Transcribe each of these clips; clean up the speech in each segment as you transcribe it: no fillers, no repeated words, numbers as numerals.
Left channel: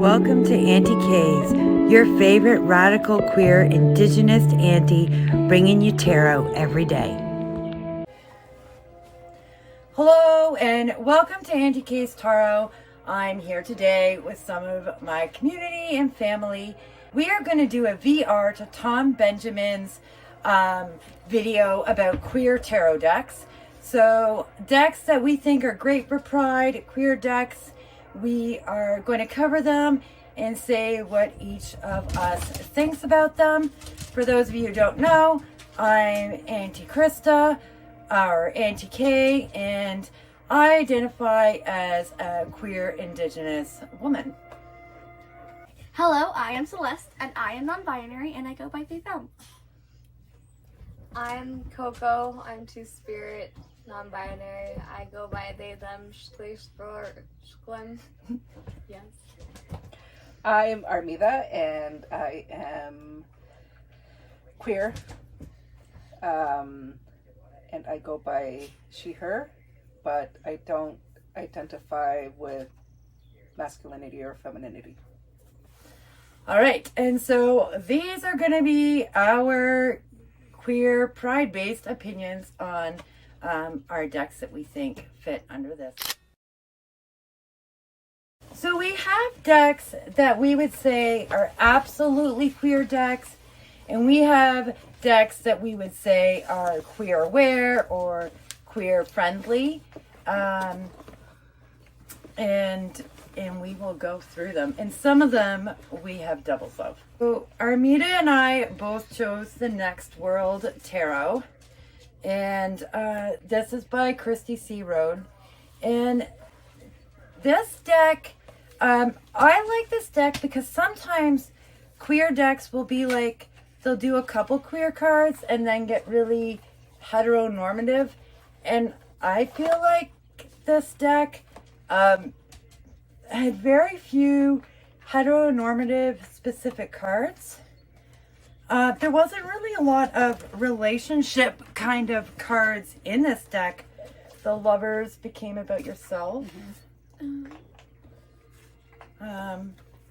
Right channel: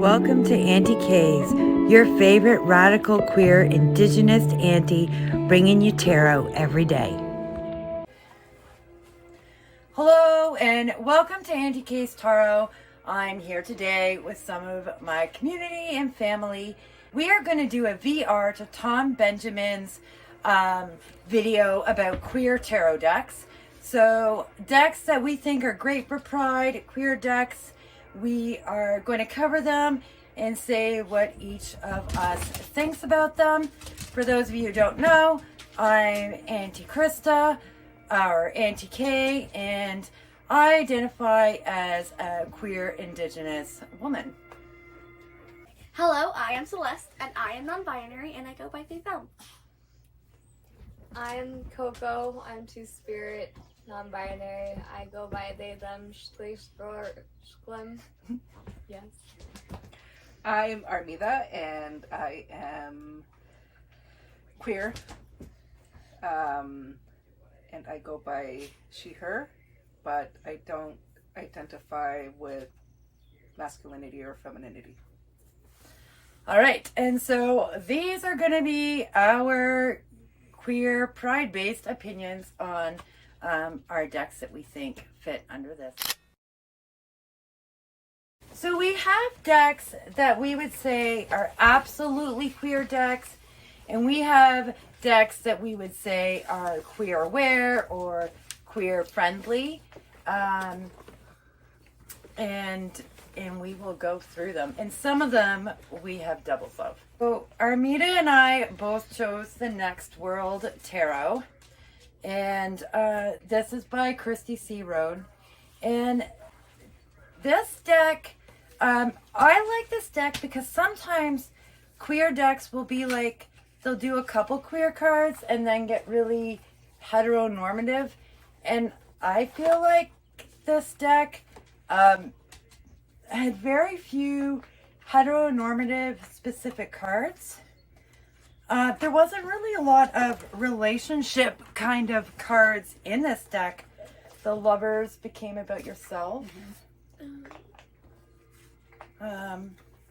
Welcome to Auntie K's, your favorite radical queer indigenous auntie, bringing you tarot every day. Hello and welcome to Auntie K's Tarot. I'm here today with some of my community and family. We are going to do a VR to Tom Benjamin's video about queer tarot decks. So decks that we think are great for Pride, queer decks. We are going to cover them and say what each of us thinks about them. For those of you who don't know, I'm Auntie Krista, or Auntie K, and I identify as a queer indigenous woman. Hello, I am Celeste, and I am non-binary, and I go by they, them. I'm Coco, I'm two-spirit, non-binary. I go by they, them, shklim. Yes. I'm Hermeta, and I am queer. And I go by she, her, but I don't identify with masculinity or femininity. All right, and so these are going to be our queer pride-based opinions on our decks that we think fit under this. So we have decks that we would say are absolutely queer decks, and we have decks that we would say are queer aware or queer friendly, and we will go through them. And some of them we have doubles of. So Armida and I both chose the Next World Tarot, and this is by Christy C. Road. And this deck, I like this deck because sometimes queer decks will be like, they'll do a couple queer cards and then get really heteronormative. And I feel like this deck had very few heteronormative specific cards. There wasn't really a lot of relationship kind of cards in this deck. The Lovers became about yourself. Mm-hmm.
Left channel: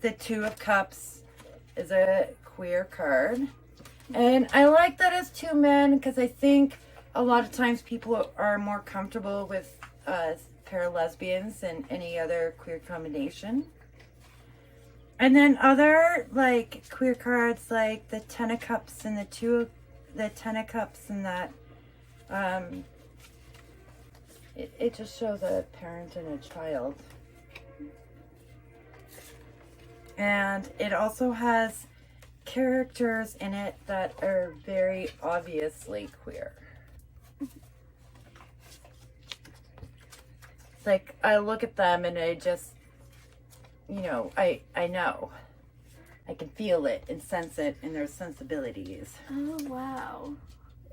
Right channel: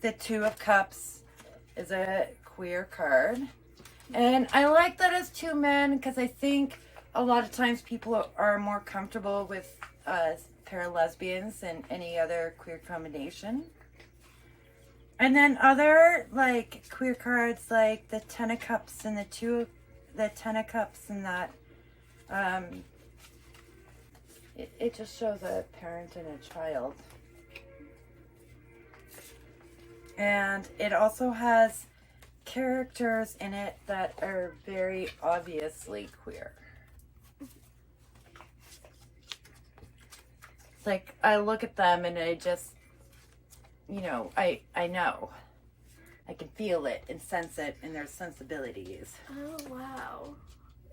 The Two of Cups is a queer card. And I like that it's two men because I think a lot of times people are more comfortable with pair of lesbians than any other queer combination. And then other like queer cards like the Ten of Cups and the Ten of Cups and that it just shows a parent and a child. And it also has characters in it that are very obviously queer. It's like I look at them and I just, you know, I know. I can feel it and sense it in their sensibilities. Oh, wow.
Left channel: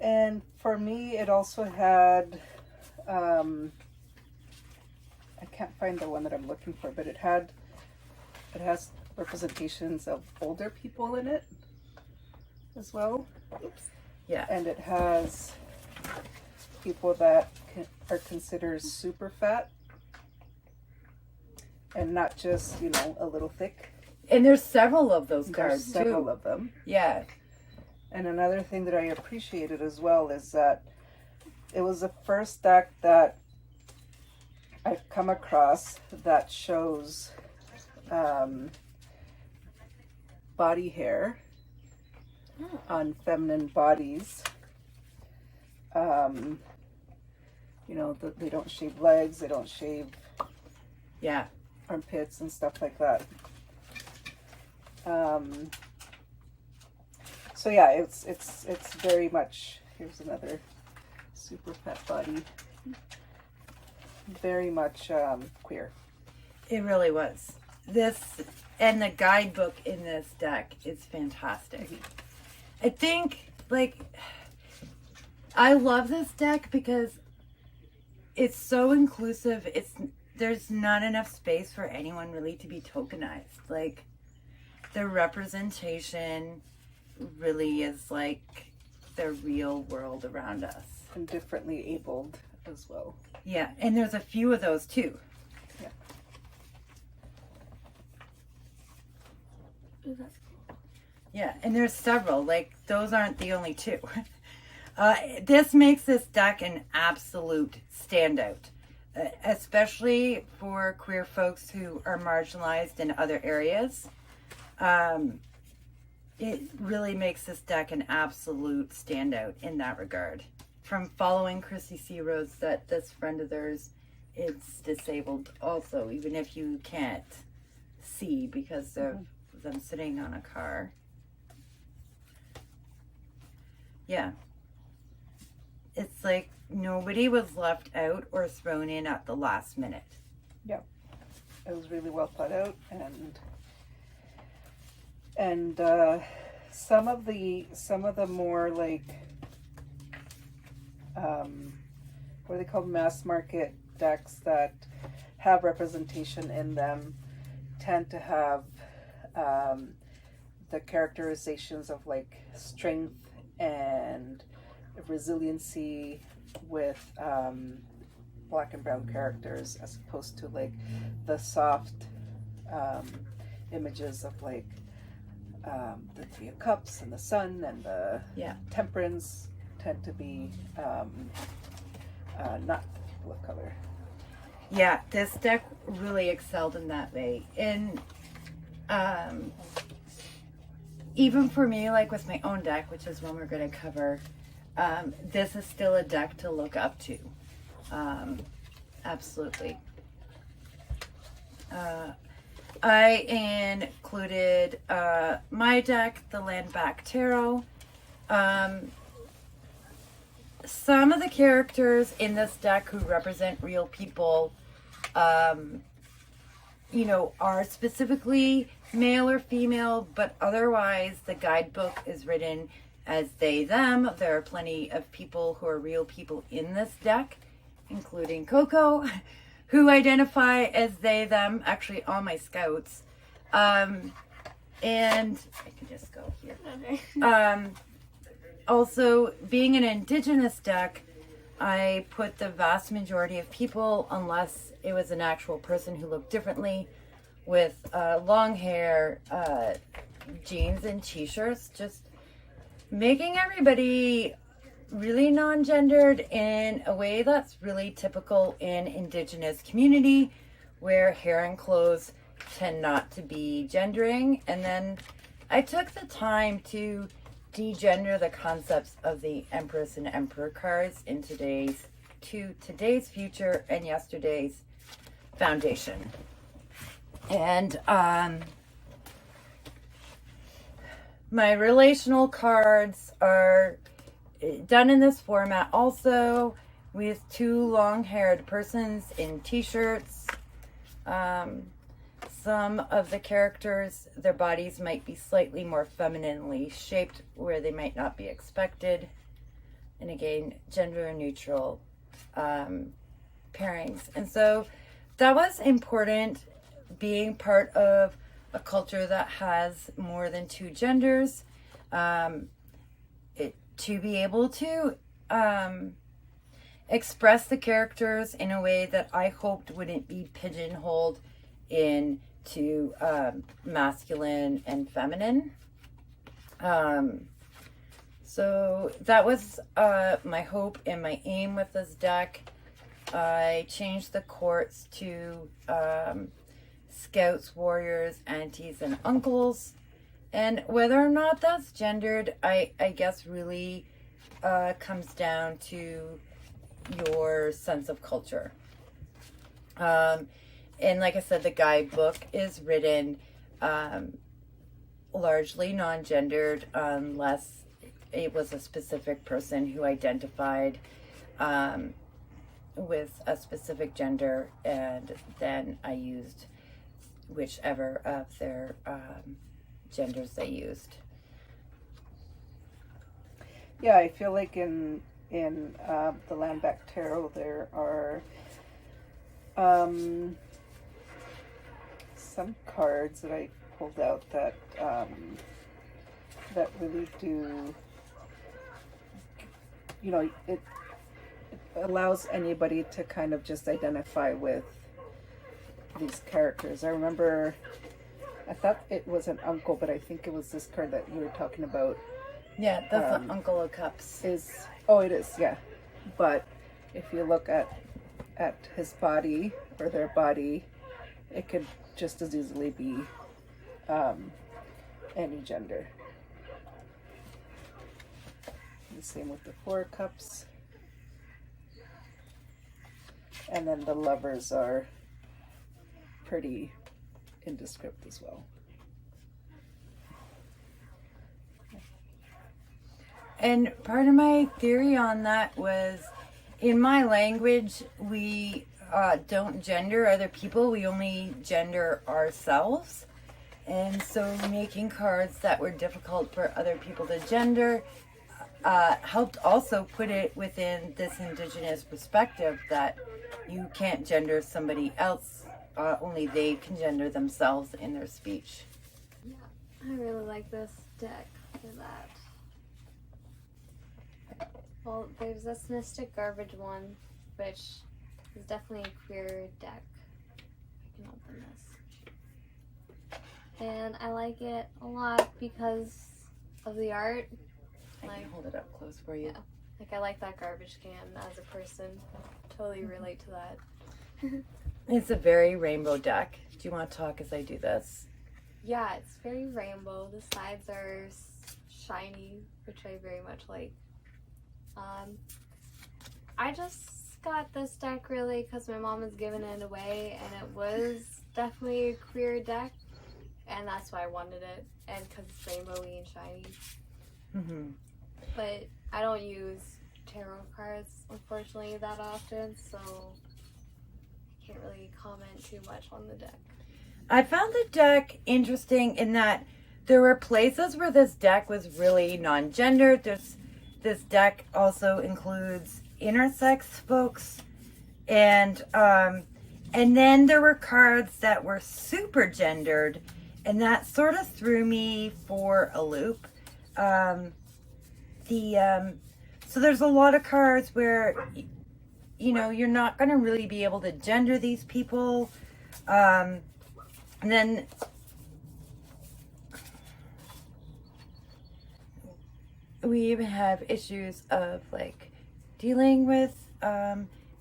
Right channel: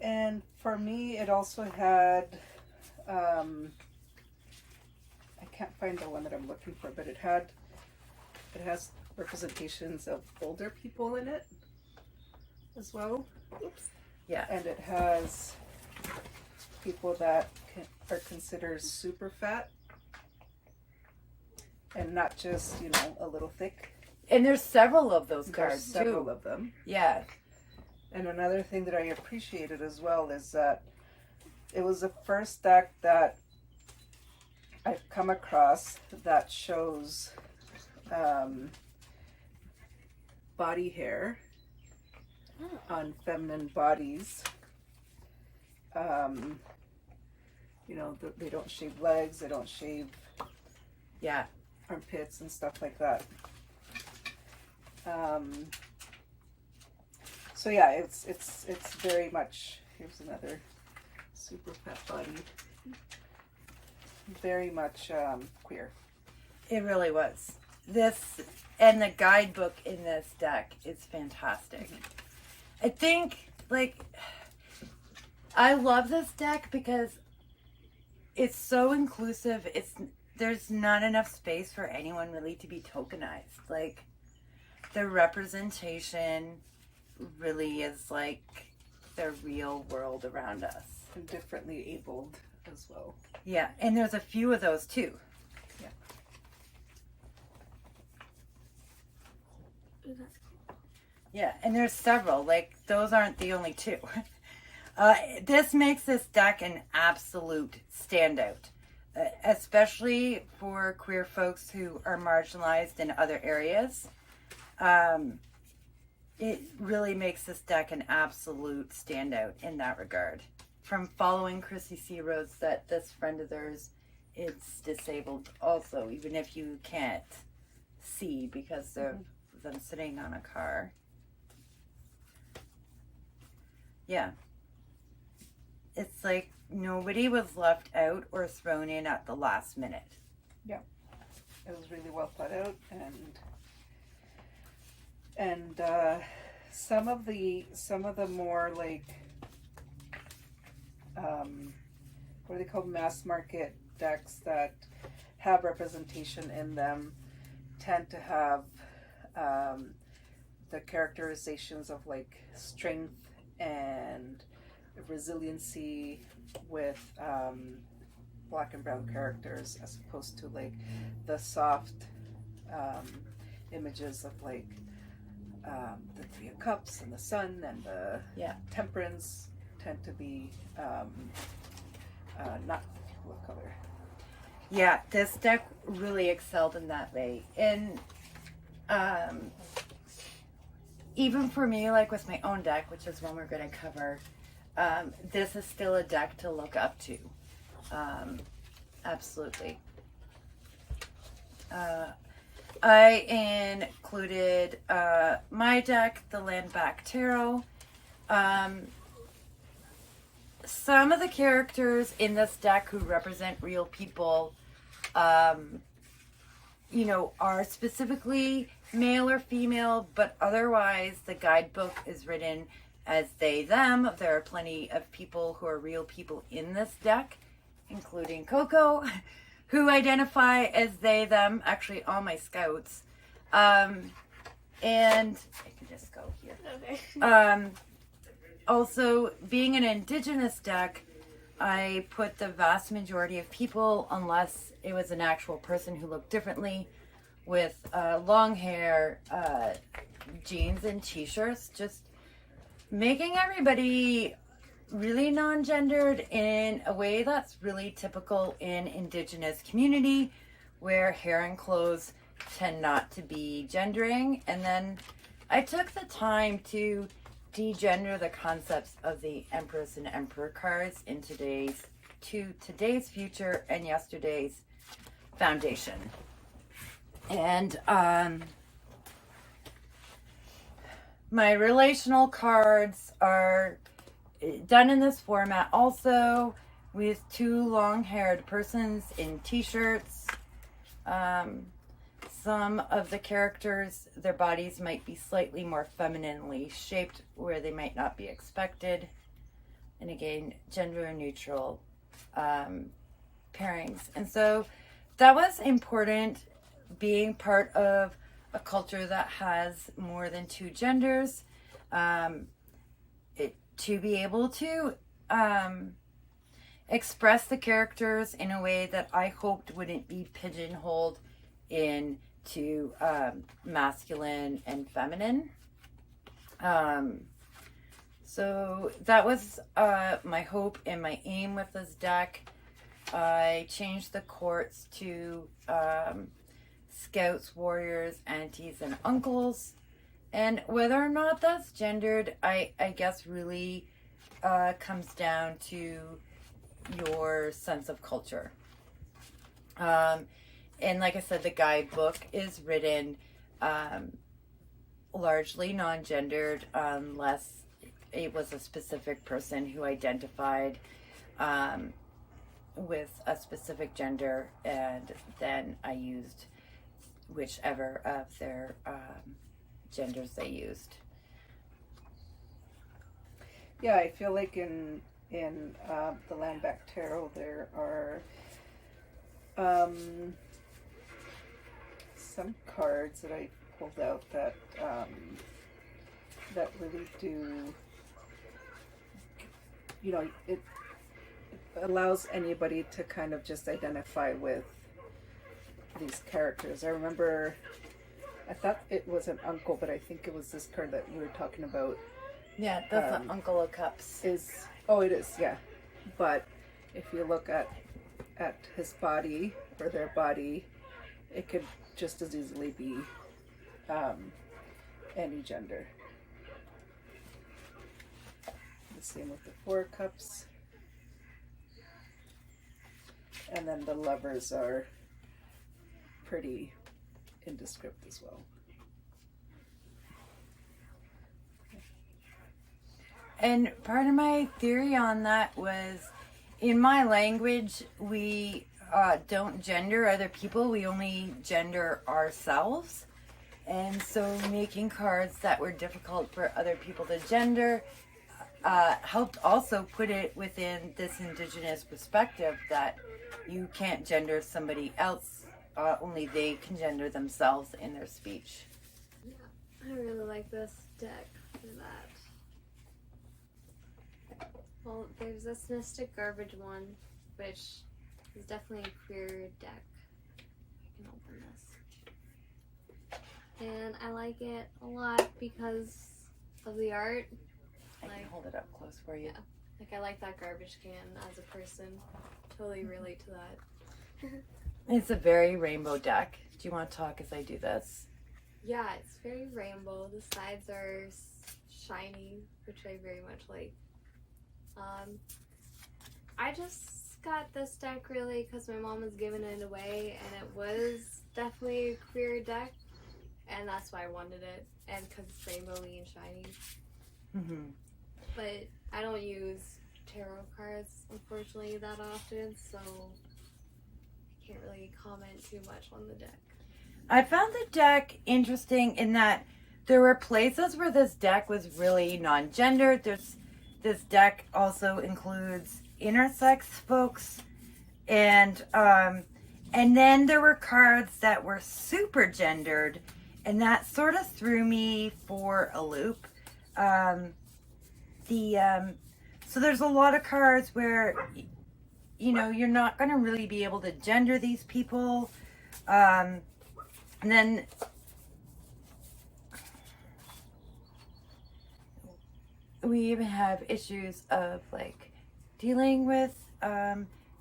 And for me, it also had, I can't find the one that I'm looking for, but it has representations of older people in it as well. Oops. Yeah. And it has people that are considered super fat and not just, you know, a little thick. And there's several of those There's cards several too. of them. Yeah. And another thing that I appreciated as well is that it was the first deck that I've come across that shows body hair on feminine bodies. You know, they don't shave legs, they don't shave armpits and stuff like that. So yeah, it's very much, here's another super fat body. Very much queer. It really was. This and the guidebook in this deck is fantastic. I think, like, I love this deck because it's so inclusive. There's not enough space for anyone really to be tokenized. Like, the representation really is like the real world around us. And differently abled as well. Yeah, and there's a few of those too. Yeah. Ooh, that's cool. Yeah, and there's several. Like, those aren't the only two. This makes this deck an absolute standout, especially for queer folks who are marginalized in other areas. It really makes this deck an absolute standout in that regard. From following Chrissy C. Rose, that this friend of theirs is disabled also, even if you can't see because of them sitting on a car. Yeah. It's like nobody was left out or thrown in at the last minute. Yep. It was really well thought out, and some of the more like what are they called, mass market decks that have representation in them tend to have the characterizations of like strength and resiliency with black and brown characters, as opposed to like the soft images of like the Three of Cups and the Sun and the Temperance tend to be not people of color. Yeah, this deck really excelled in that way. And even for me, like with my own deck, which is one we're going to cover, this is still a deck to look up to. Absolutely. I included my deck, the Land Back Tarot. Some of the characters in this deck who represent real people, you know, are specifically male or female, but otherwise the guidebook is written as they, them. There are plenty of people who are real people in this deck, including Coco, who identify as they, them, actually all my scouts. And I can just go here. Okay. Also, being an Indigenous deck, I put the vast majority of people, unless it was an actual person who looked differently, with long hair, jeans and t-shirts, just making everybody really non-gendered in a way that's really typical in Indigenous community, where hair and clothes tend not to be gendering. And then I took the time to degender the concepts of the Empress and Emperor cards in today's future and yesterday's foundation. And my relational cards are done in this format also, with two long-haired persons in t-shirts. Some of the characters, their bodies might be slightly more femininely shaped where they might not be expected. And again, gender neutral pairings. And so that was important, being part of a culture that has more than two genders, to be able to express the characters in a way that I hoped wouldn't be pigeonholed into masculine and feminine. So that was my hope and my aim with this deck. I changed the courts to scouts, warriors, aunties, and uncles. And whether or not that's gendered, I guess really comes down to your sense of culture. And like I said, the guidebook is written largely non-gendered, unless it was a specific person who identified with a specific gender, and then I used whichever of their genders they used. Yeah, I feel like in the Land Back Tarot there are some cards that I pulled out that that really do, you know, it allows anybody to kind of just identify with these characters. I thought it was an uncle, but I think it was this card that you were talking about. Yeah, that's the Uncle of Cups. It is, yeah. But if you look at his body or their body, it could just as easily be any gender. The same with the Four of Cups. And then the Lovers are pretty indescript as well. And part of my theory on that was, in my language, we don't gender other people, we only gender ourselves. And so making cards that were difficult for other people to gender helped also put it within this Indigenous perspective that you can't gender somebody else, only they can gender themselves in their speech. Yeah, I really like this deck for that. Well, there's this Mystic Garbage one, which is definitely a queer deck. I can open this. And I like it a lot because of the art. I can hold it up close for you. Yeah, like I like that garbage can as a person. Totally relate to that. It's a very rainbow deck. Do you want to talk as I do this? Yeah, it's very rainbow. The sides are shiny, which I very much like. I just got this deck really because my mom was giving it away, and it was definitely a queer deck, and that's why I wanted it, and because it's rainbowy and shiny. Mm-hmm. But I don't use tarot cards, unfortunately, that often, so I can't really comment too much on the deck. I found the deck interesting in that there were places where this deck was really non-gendered. This deck also includes intersex folks, and then there were cards that were super gendered, and that sort of threw me for a loop. So there's a lot of cards where, you know, you're not going to really be able to gender these people. And then we even have issues of like dealing with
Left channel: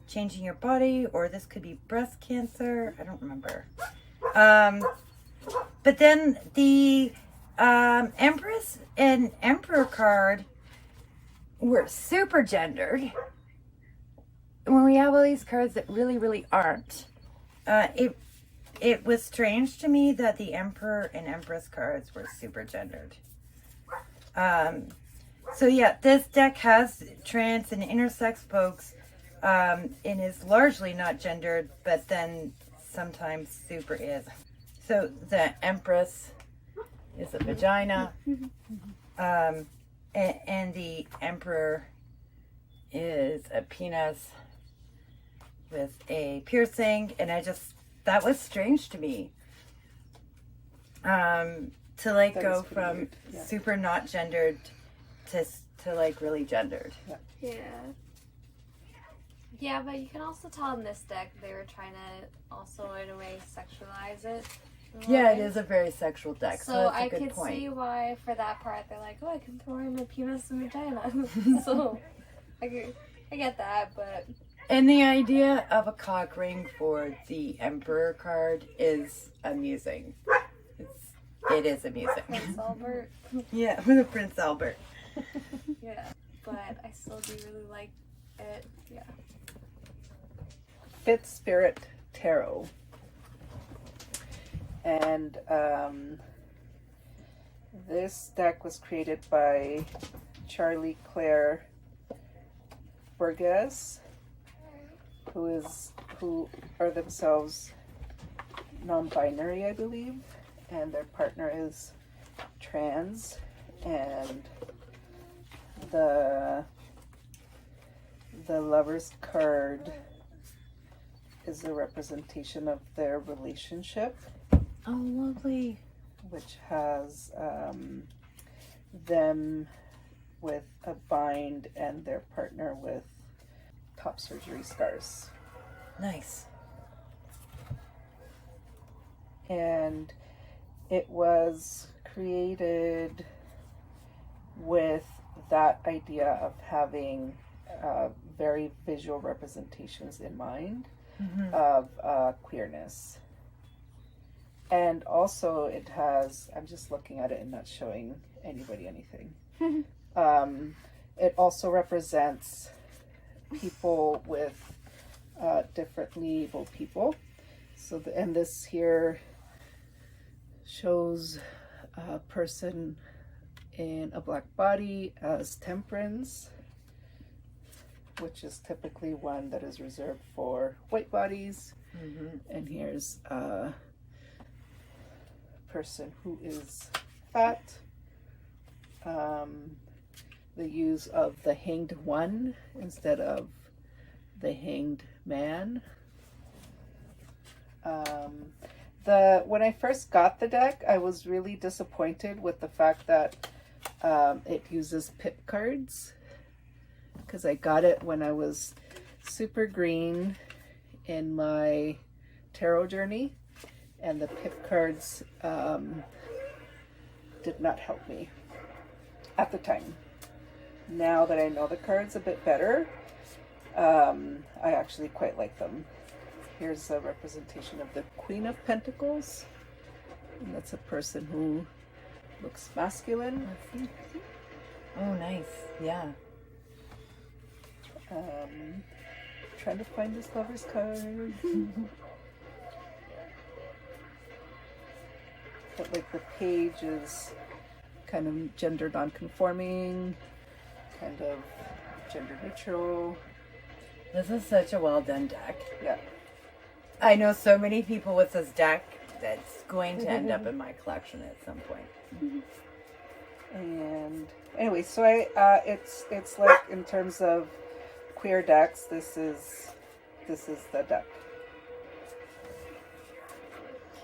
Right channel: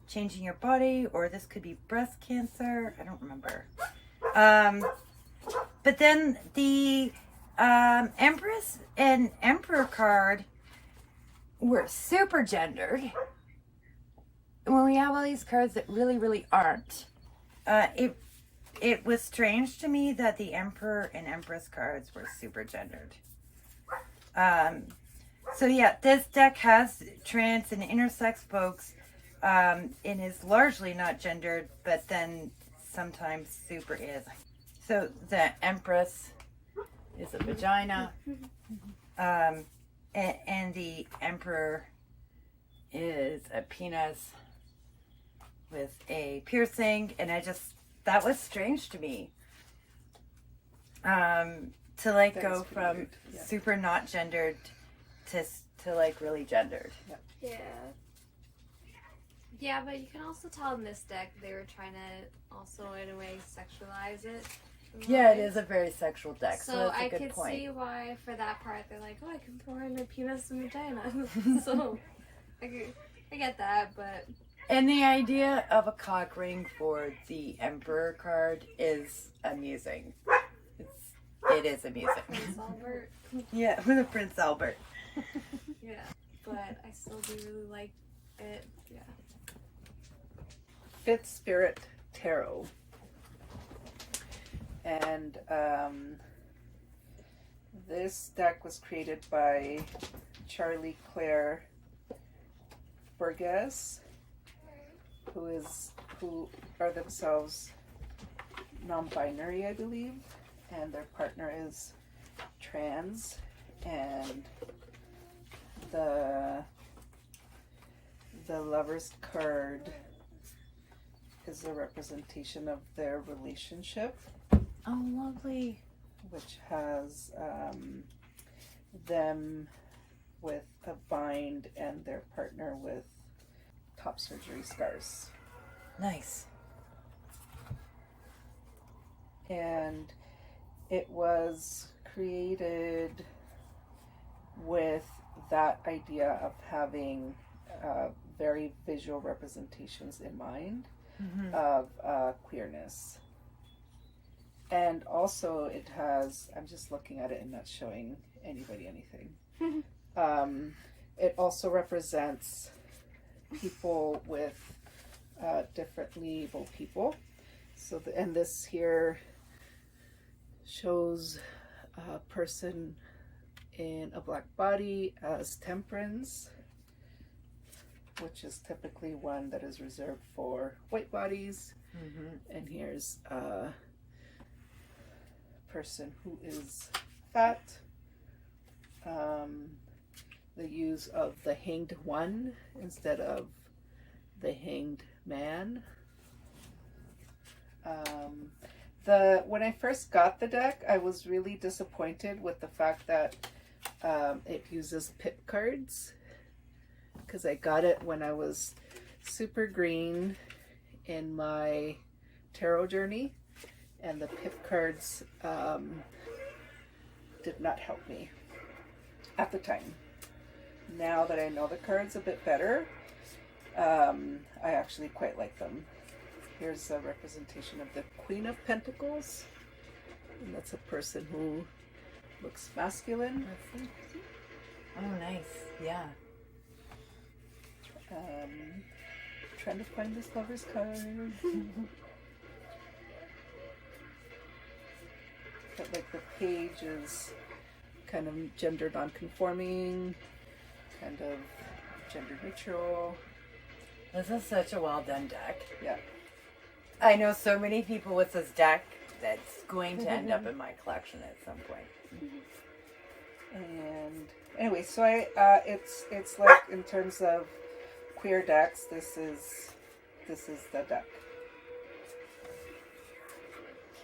changing your body, or this could be breast cancer. I don't remember. But then the Empress and Emperor card were super gendered. When we have all these cards that really, really aren't, it was strange to me that the Emperor and Empress cards were super gendered. So yeah, this deck has trans and intersex folks, and is largely not gendered, but then sometimes super is. So the Empress is a vagina, and the Emperor is a penis with a piercing, and that was strange to me. To like go from weird. Yeah. super not gendered to like really gendered. Yeah. Yeah, but you can also tell in this deck they were trying to also in a way sexualize it. Yeah, it is a very sexual deck, so that's a I good could point. see why for that part they're like, oh, I can throw in my penis and vagina. So I get that, but And the idea of a cock ring for the Emperor card is amusing. It is amusing. Prince Albert. Yeah, with a Prince Albert. Yeah, but I still do really like it. Yeah. Fifth Spirit Tarot. And this deck was created by Charlie Claire Burgess, who are themselves non-binary, I believe, and their partner is trans, and the Lover's card is a representation of their relationship, Oh, lovely. which has them with a bind and their partner with top surgery scars. Nice. And it was created with that idea of having very visual representations in mind of queerness. And also it has, I'm just looking at it and not showing anybody anything. It also represents people with differently abled people. So, and this here shows a person in a black body as Temperance, which is typically one that is reserved for white bodies. And here's a person who is fat. The use of the hanged one instead of the hanged man. When I first got the deck, I was really disappointed with the fact that it uses pip cards, because I got it when I was super green in my tarot journey, and the pip cards did not help me at the time. Now that I know the cards a bit better, I actually quite like them. Here's a representation of the Queen of Pentacles, and that's a person who looks masculine. Oh, nice. Yeah. Trying to find this lover's card. But like the page is kind of gender non-conforming, kind of gender neutral. This is such a well done deck. Yeah. I know so many people with this deck that's going to end up in my collection at some point. And anyway, so it's like, in terms of queer decks, this is the deck.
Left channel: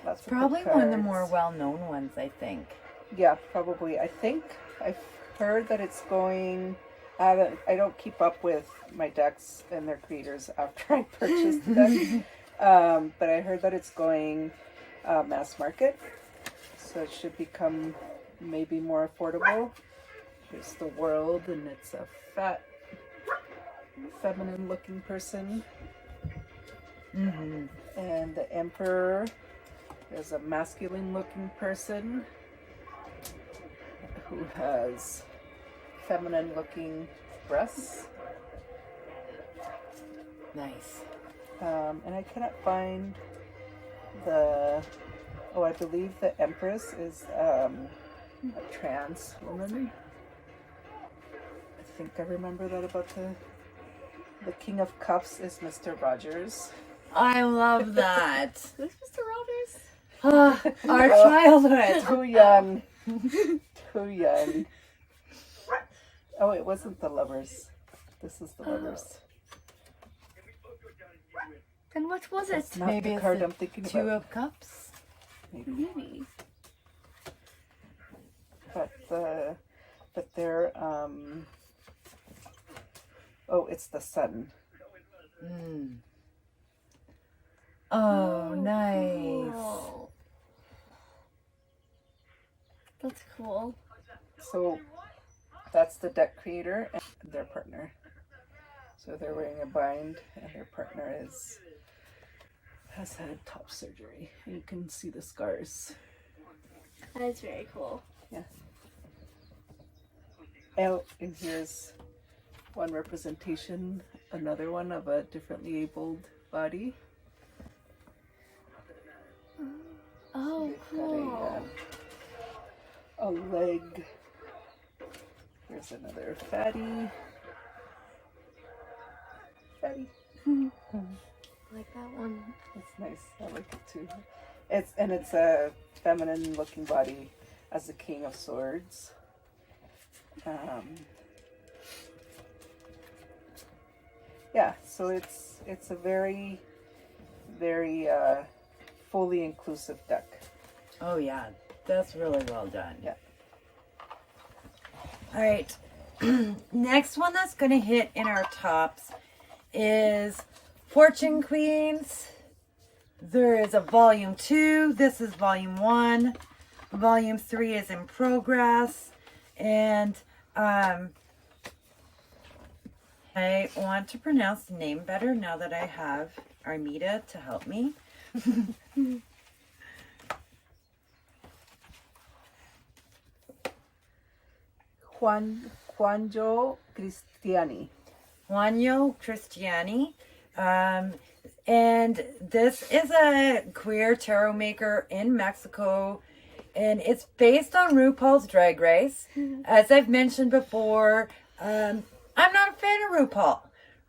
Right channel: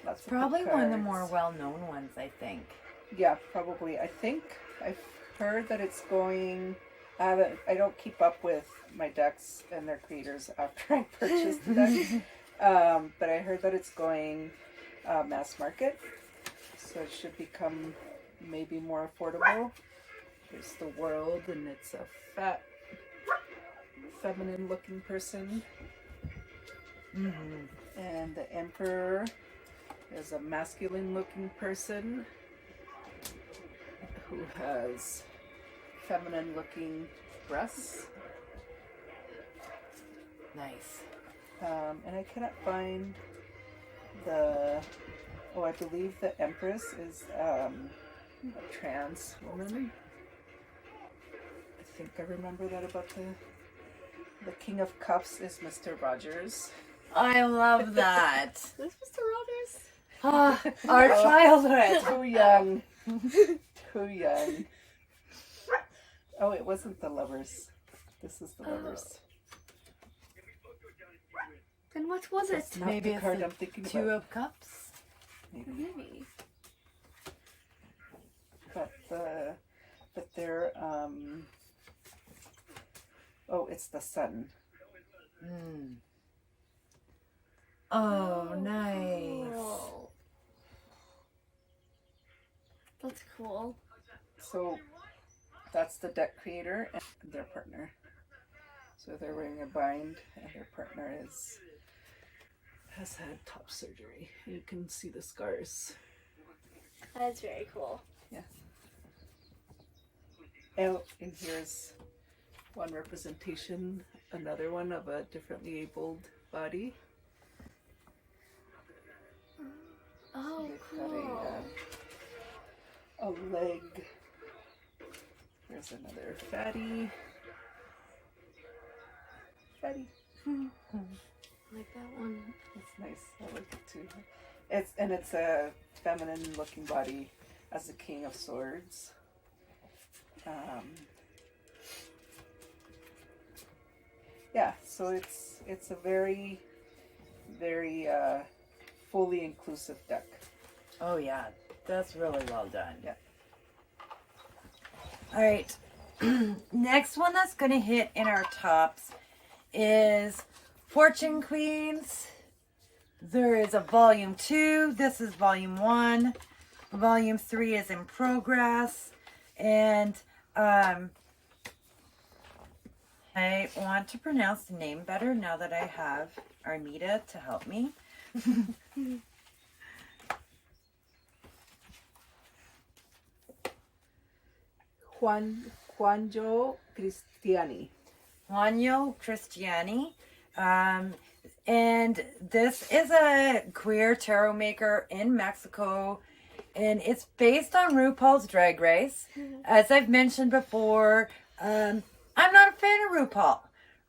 Lots of Probably good one of the cards. more well-known ones, I think. Yeah, probably. I think I've heard that it's going. I don't keep up with my decks and their creators after I purchase the deck. But I heard that it's going mass market, so it should become maybe more affordable. Here's the World, and it's a fat, feminine-looking person. And the Emperor is a masculine-looking person who has feminine-looking breasts. Nice. And I cannot find the... Oh, I believe the Empress is a trans woman. I think I remember that about the King of Cups is Mr. Rogers. I love that. Is Mr. Rogers? Our childhood. Too young. Too young. Oh, it wasn't the Lovers. This is the Lovers. Then what was it? That's not Maybe the it's card the I'm thinking Two about. of Cups. Maybe. But they're oh, it's the Sun. Oh, nice. Oh. That's cool. So that's the deck creator and their partner. So they're wearing a bind, and their partner has had top surgery. And you can see the scars. That's very cool. Yeah. Oh, and here's one representation, another one of a differently abled body. Oh, They've got cool. a leg. Here's another fatty. I like that one. It's nice. I like it too. It's a feminine looking body as the King of Swords. Yeah, so it's a very, very fully inclusive deck. Oh, yeah. That's really well done. Yeah. All right. Next one that's going to hit in our tops is Fortune Queens. There is a volume 2. This is volume 1. Volume 3 is in progress. And I want to pronounce the name better now that I have Hermeta to help me. Juanjo Cristiani. Juanjo Cristiani. And this is a queer tarot maker in Mexico. And it's based on RuPaul's Drag Race. As I've mentioned before, I'm not a fan of RuPaul.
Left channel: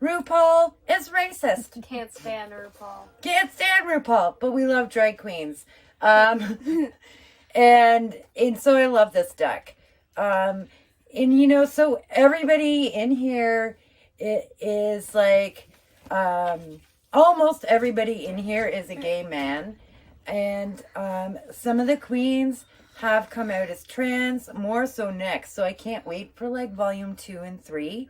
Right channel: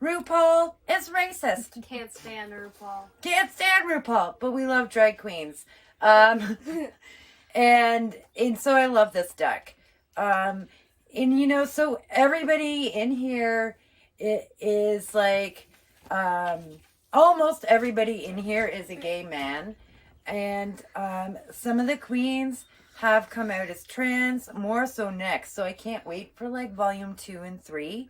RuPaul is racist. Can't stand RuPaul. Can't stand RuPaul, but we love drag queens. And so I love this deck. And you know, so everybody in here is like, almost everybody in here is a gay man. And some of the queens have come out as trans, more so next. So I can't wait for like volume 2 and 3.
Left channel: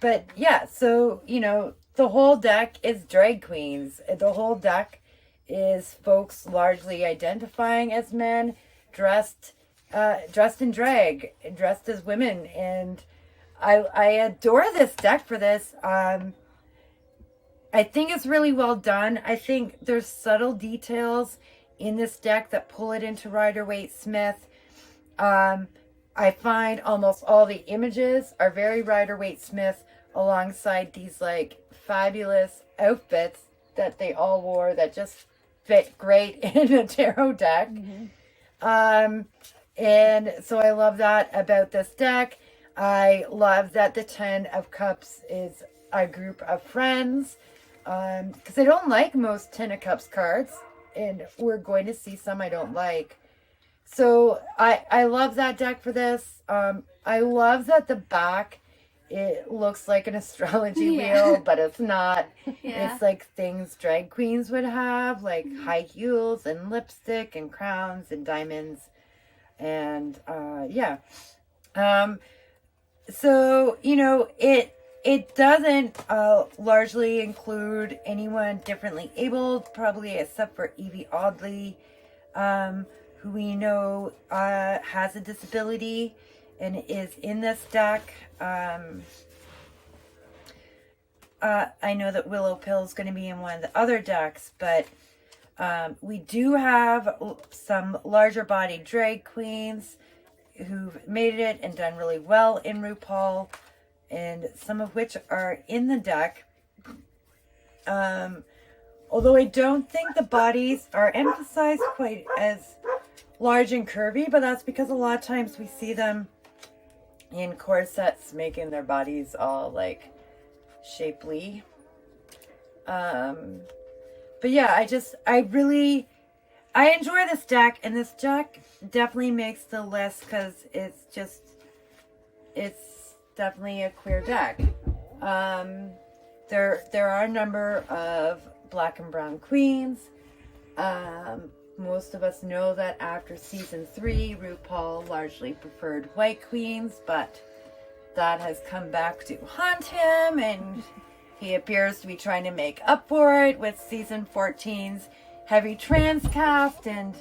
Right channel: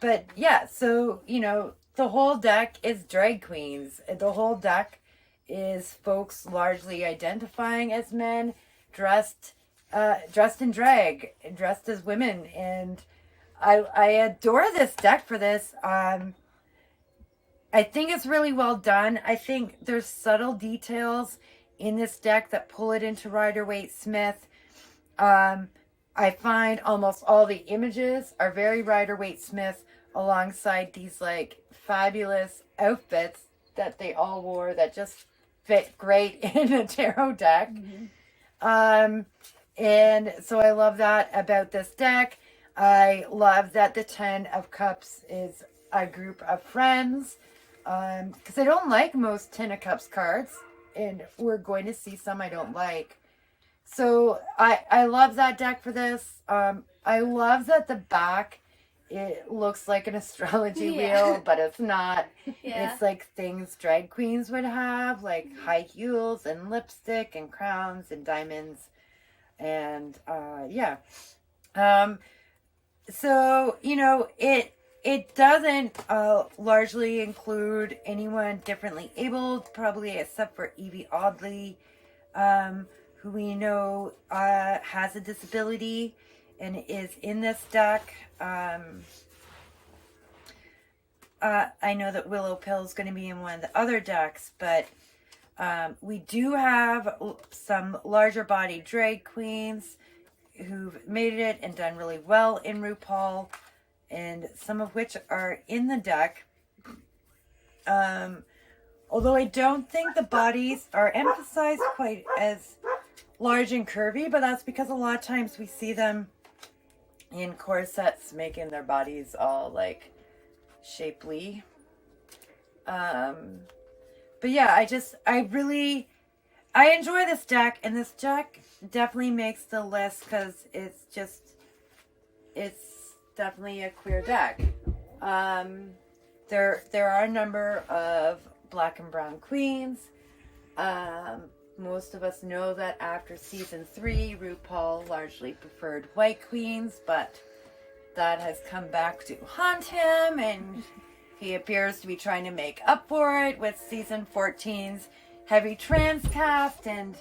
But yeah, so, you know, the whole deck is drag queens. The whole deck is folks largely identifying as men, dressed in drag, dressed as women. And I adore this deck for this. I think it's really well done. I think there's subtle details in this deck that pull it into Rider-Waite-Smith. I find almost all the images are very Rider-Waite-Smith alongside these like fabulous outfits that they all wore that just fit great in a tarot deck. And so I love that about this deck. I love that the 10 of Cups is a group of friends. Because I don't like most 10 of Cups cards, and we're going to see some I don't like. So I love that deck for this. I love that the back, it looks like an astrology wheel, but it's not. It's like things drag queens would have, like high heels and lipstick and crowns and diamonds. And so, you know, it doesn't largely include anyone differently abled, probably except for Evie Oddly, who we know has a disability and is in this deck. I know that Willow Pill is going to be in one of the other decks, but we do have some larger body drag queens who've made it and done really well in RuPaul, and some of which are in the deck. Although I don't think the bodies are emphasized quite as large and curvy, but that's because a lot of times we see them in corsets making their bodies all like shapely. But yeah, I enjoy this deck, and this deck definitely makes the list because it's definitely a queer deck. There are a number of black and brown queens. Most of us know that after season 3, RuPaul largely preferred white queens, but that has come back to haunt him, and he appears to be trying to make up for it with season 14's heavy trans cast and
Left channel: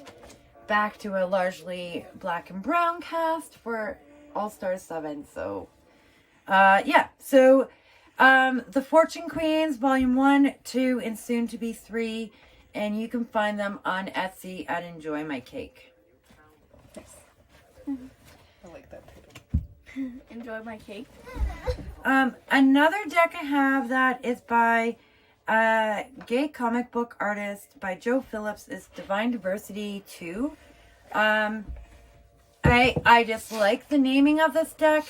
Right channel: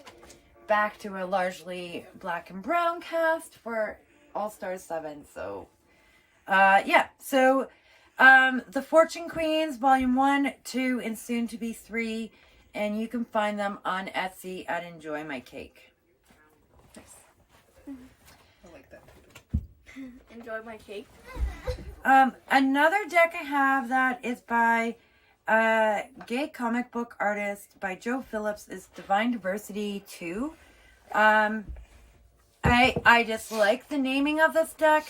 back to a largely black and brown cast for All Stars 7. So the Fortune Queens, Volume 1, 2, and soon to be 3, and you can find them on Etsy at Enjoy My Cake. Nice. I like that title. Enjoy My Cake. Another deck I have that is by a gay comic book artist by Joe Phillips is Divine Diversity 2. I just like the naming of this deck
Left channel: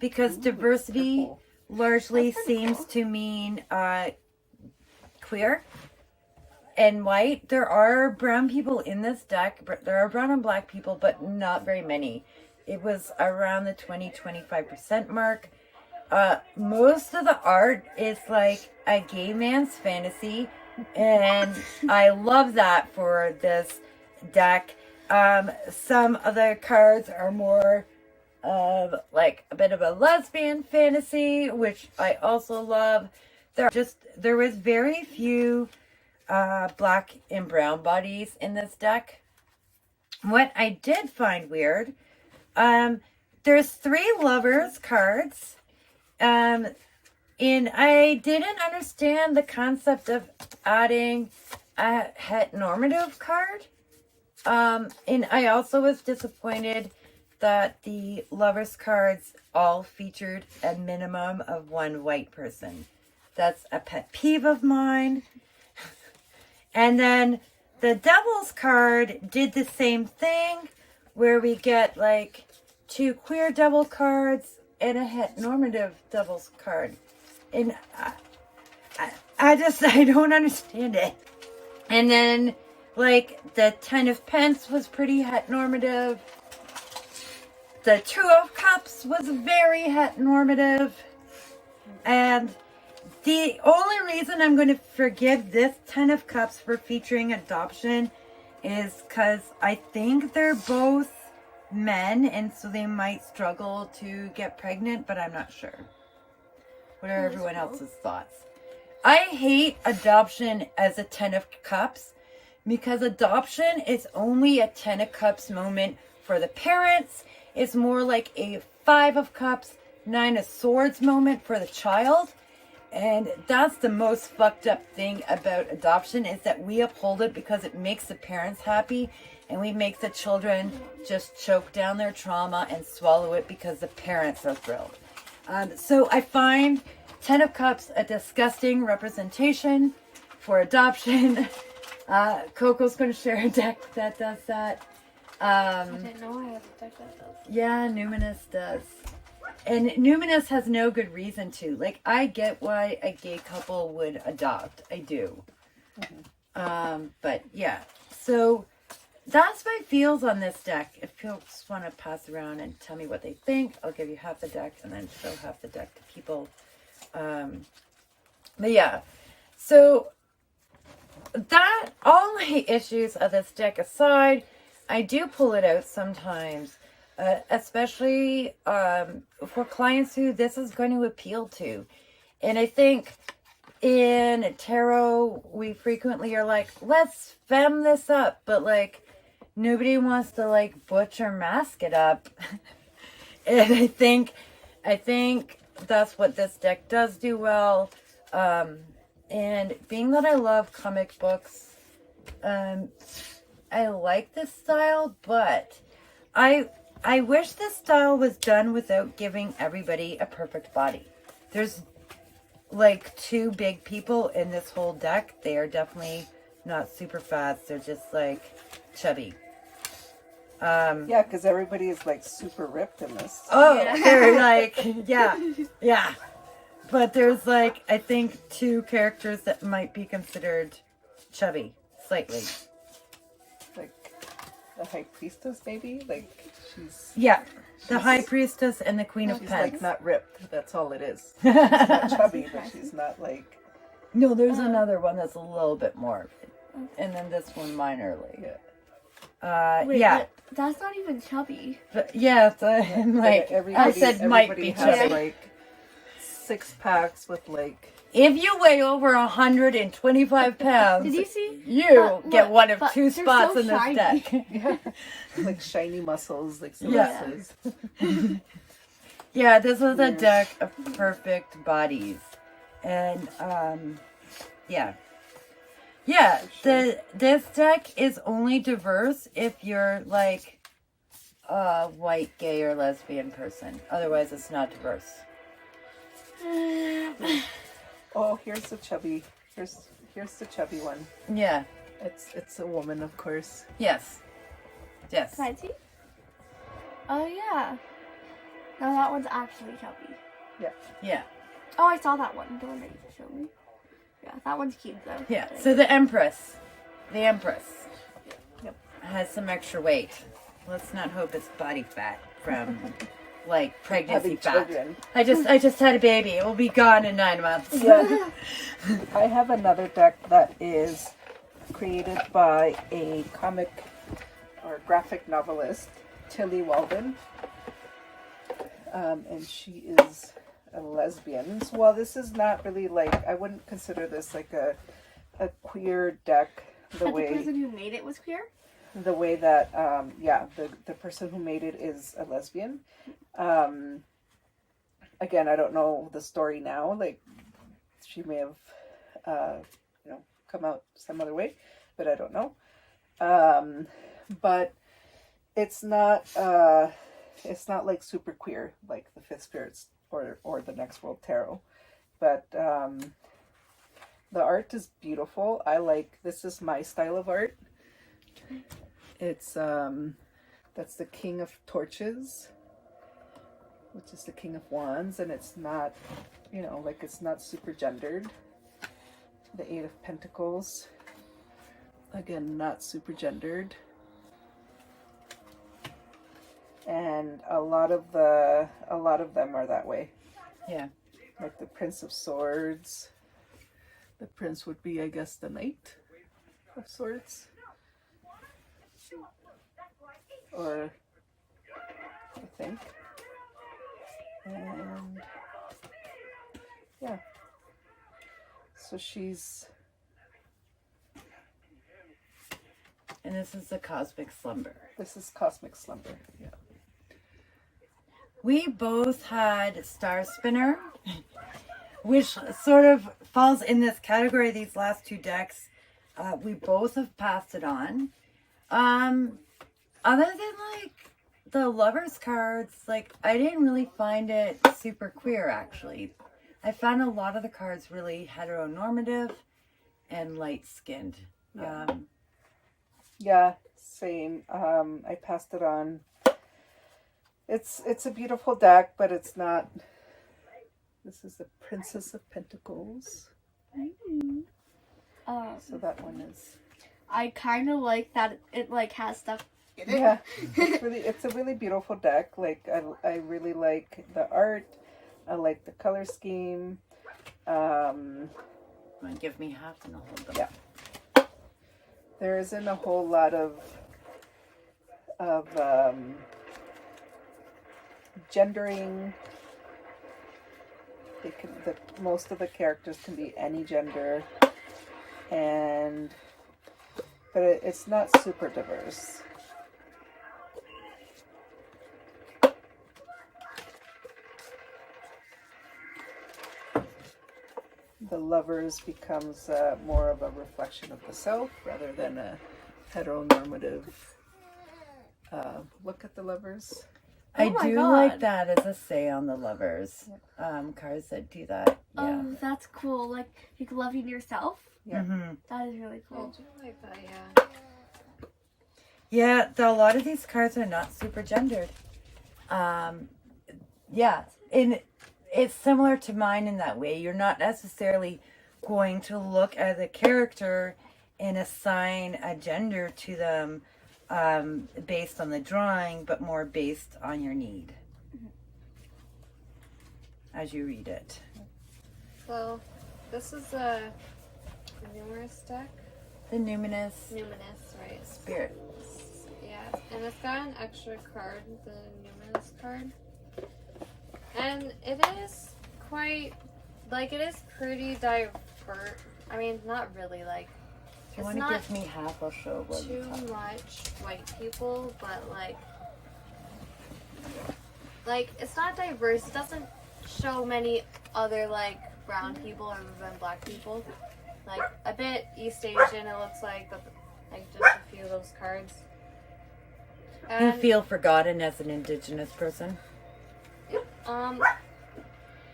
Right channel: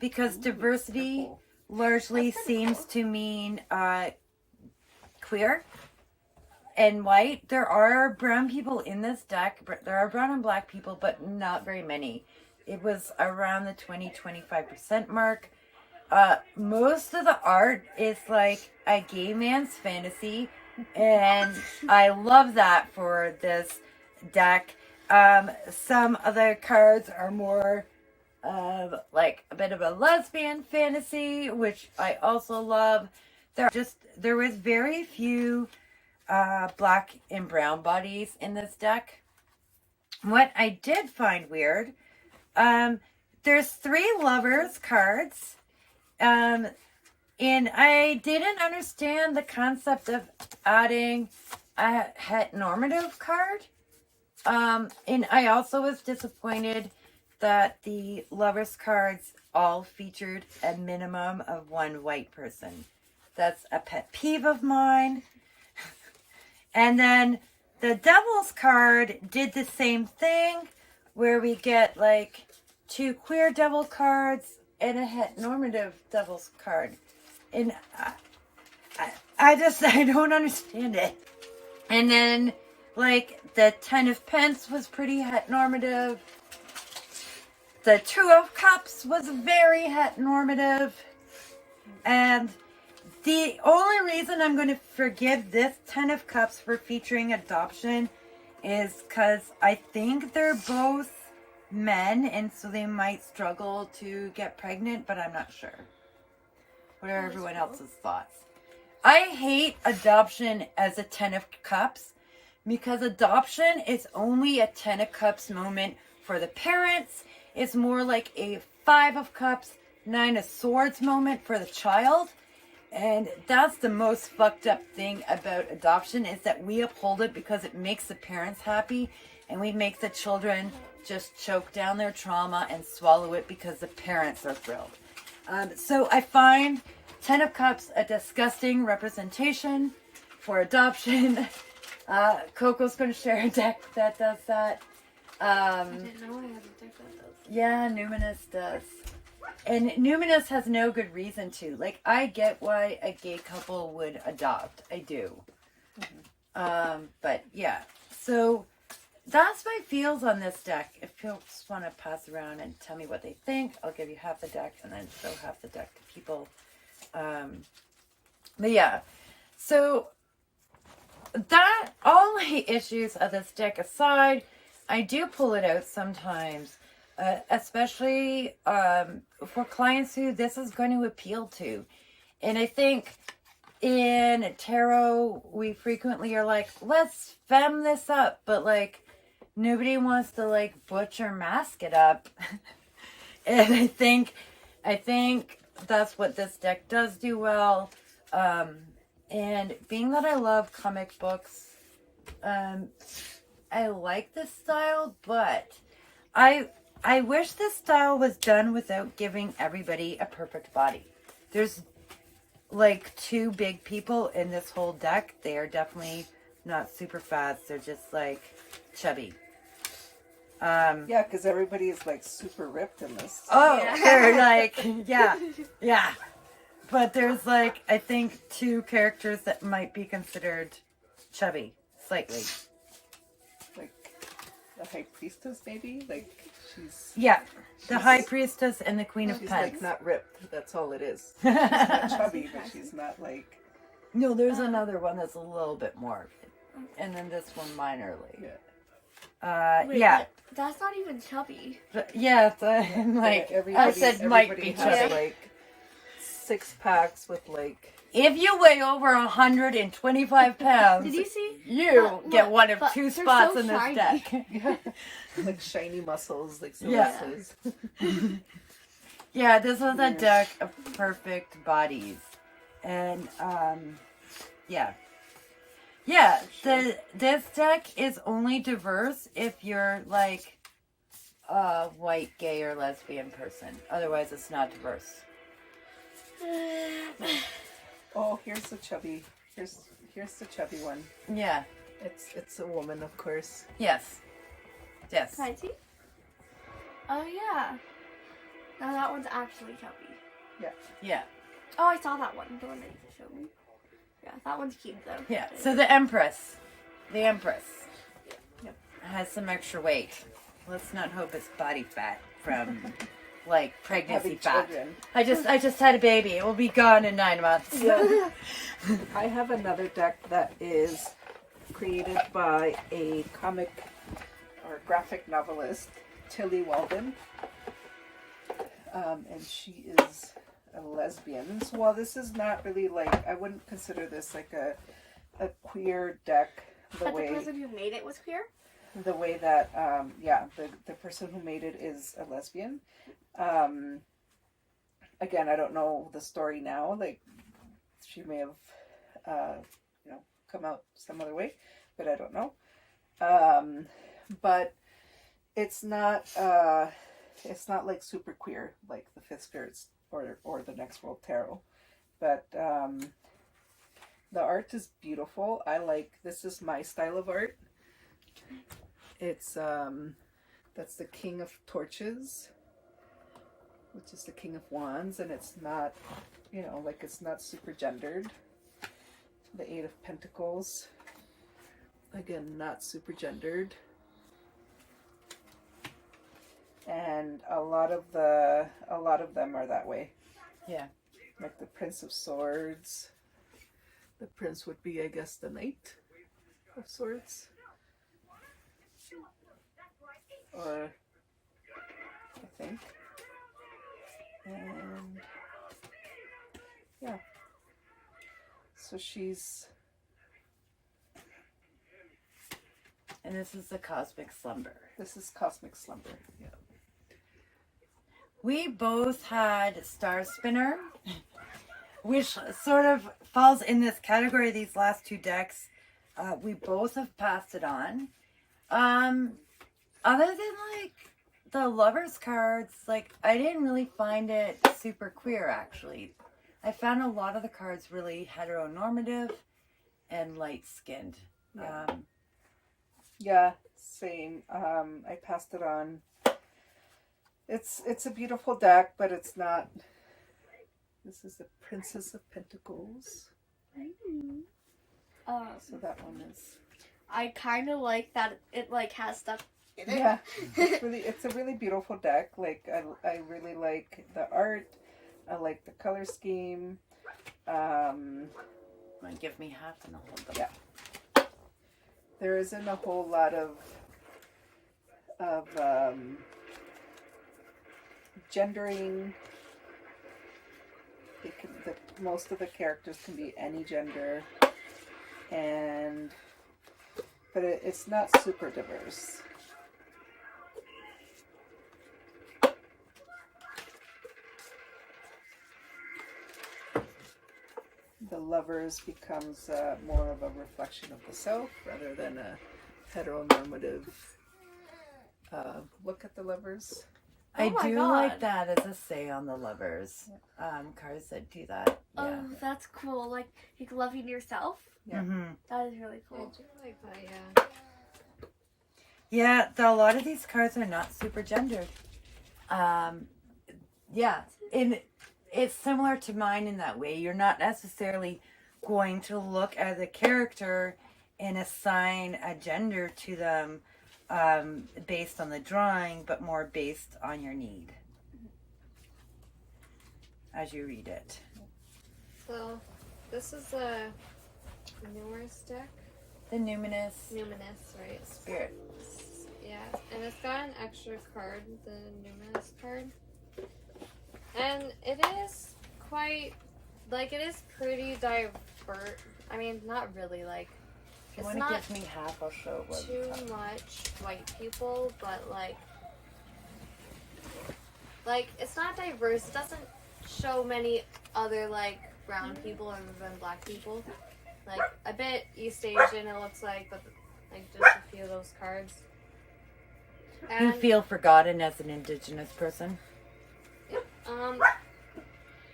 because diversity largely seems to mean queer and white. There are brown people in this deck. There are brown and black people, but not very many. It was around the 20-25% mark. Most of the art is like a gay man's fantasy, and I love that for this deck. Some of the cards are more of like a bit of a lesbian fantasy, which I also love. There was very few black and brown bodies in this deck. What I did find weird, there's 3 lovers cards, and I didn't understand the concept of adding a heteronormative card. And I also was disappointed that the lovers cards all featured a minimum of 1 white person. That's a pet peeve of mine. And then the Devil's card did the same thing, where we get like 2 queer devil cards and a heteronormative Devil's card. And I don't understand it. And then like the 10 of Pence was pretty heteronormative. The 2 of Cups was very heteronormative. And the only reason I'm going to forgive this 10 of Cups for featuring adoption is because I think they're both men, and so they might struggle to get pregnant, but I'm not sure. What are everyone else's thoughts? I hate adoption as a 10 of Cups because adoption is only a 10 of Cups moment for the parents. It's more like a 5 of Cups, 9 of Swords moment for the child. And that's the most fucked up thing about adoption, is that we uphold it because it makes the parents happy, and we make the children just choke down their trauma and swallow it because the parents are thrilled. So I find 10 of Cups a disgusting representation for adoption. Coco's going to share a deck that does that. I didn't know I had a deck that does. Yeah, Numinous does. And Numinous has no good reason to. Like, I get why a gay couple would adopt. I do. Mm-hmm. But, yeah. So, that's my feels on this deck. If people just want to pass around and tell me what they think, I'll give you half the deck and then show half the deck to people. But, yeah. So, that, all my issues of this deck aside, I do pull it out sometimes. Especially for clients who this is going to appeal to. And I think in tarot, we frequently are like, let's femme this up. But like, nobody wants to like butcher mask it up. And I think that's what this deck does do well. And being that I love comic books, I like this style, but I wish this style was done without giving everybody a perfect body. There's like 2 big people in this whole deck. They are definitely not super fat. They're just like chubby. Yeah, because everybody is like super ripped in this. Oh, Yeah. they're like, yeah. But there's like, I think 2 characters that might be considered chubby, slightly. Like the High Priestess, maybe? Like, she's... Yeah, the High Priestess and the Queen of She's Pentacles. like not ripped, that's all it is. She's not chubby, but she's not like... No, there's another one that's a little bit more. And then this one minorly. Yeah. Wait, Yeah. but that's not even chubby. But yeah, so I'm like, I said might be has chubby. like 6 packs with like... If you weigh over 125 pounds, Did you see? you But get look, one of but 2 they're spots so in this shiny. deck. like shiny muscles, like Yeah. Celeste's. Yeah, this was a deck of perfect bodies. And, yeah. Yeah, this deck is only diverse if you're, like, a white, gay, or lesbian person. Otherwise, it's not diverse. Oh, here's the chubby. Here's the chubby one. Yeah. It's a woman, of course. Yes. Yes. Can I see? Oh, yeah. No, that one's actually chubby. Yeah. Oh, I saw that one. The one that you just showed me. Yeah, that one's cute, though. Yeah. So the Empress. Yep. Has some extra weight. Let's not hope it's body fat from like pregnancy Having fat. children. I just had a baby. It will be gone in 9 months. Yeah. I have another deck that is created by a comic or graphic novelist, Tilly Walden. And she is a lesbian. So while this is not really like, I wouldn't consider this like a queer deck the But way the person who made it was queer? that the person who made it is a lesbian. Again, I don't know the story now. Like, she may have come out some other way, but I don't know. But it's not like super queer like the Fifth Spirits or the Next World Tarot. But the art is beautiful. This is my style of art. It's that's the King of Torches, which is the King of Wands, and it's not, it's not super gendered. The Eight of Pentacles, again, not super gendered. And a lot of them are that way. Yeah. Like the Prince of Swords. The Prince would be, I guess, the Knight of Swords. Or, I think. And, yeah. So she's... And this is the Cosmic Slumber. This is Cosmic Slumber, yeah. We both had Star Spinner, which sort of falls in this category, these last two decks. We both have passed it on. Other than, like, the Lovers cards, like, I didn't really find it super queer, actually. I found a lot of the cards really heteronormative and light-skinned. Yeah, same. I passed it on. It's a beautiful deck, but it's not. This is the Princess of Pentacles. So that one is. I kind of like that it like has stuff in it. Yeah, it's a really beautiful deck. Like I really like the art. I like the color scheme. Give me half and I'll hold them. Yeah. There isn't a whole lot of gendering. Most of the characters can be any gender, but it's not super diverse. The Lovers becomes more of a reflection of the self rather than a heteronormative look at the Lovers. I Oh my do God. like that as a say on the Lovers. Cards that do that. Yeah. Oh, that's cool. Like, loving yourself. Yeah. Mm-hmm. That is really cool. I do like that, yeah. Yeah, a lot of these cards are not super gendered. Yeah, and it's similar to mine in that way. You're not necessarily going to look at the character and assign a gender to them based on the drawing, but more based on your need as you read it. So, this is a numerous deck. The Numinous Numinous, right? Spirit. Yeah, and it's got an extra card, the numerous card. And it is quite, like, it is pretty diverse. I mean, not really, like, If you it's want to not give me half, I'll show what too much white people, but, like, it's not diverse. It doesn't show many other, like, brown people or even black people. Like, a bit East Asian, it looks like, but, like, just a few of those cards. You feel forgotten as an Indigenous person?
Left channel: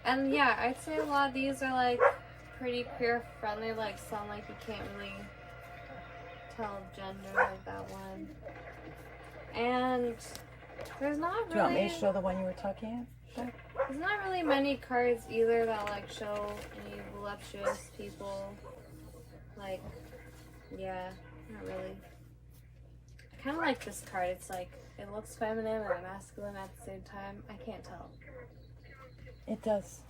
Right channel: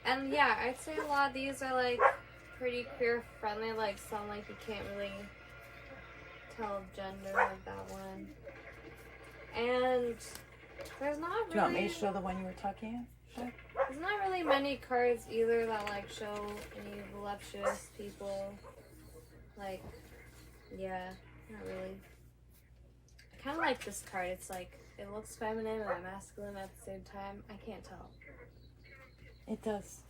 And yeah, I'd say a lot of these are like pretty queer friendly, like some like you can't really tell gender, like that one. And there's not really. Do you want me to show the one you were talking about? There's not really many cards either that like show any voluptuous people. Like, yeah, not really. I kind of like this card. It's like it looks feminine and masculine at the same time. I can't tell. It does.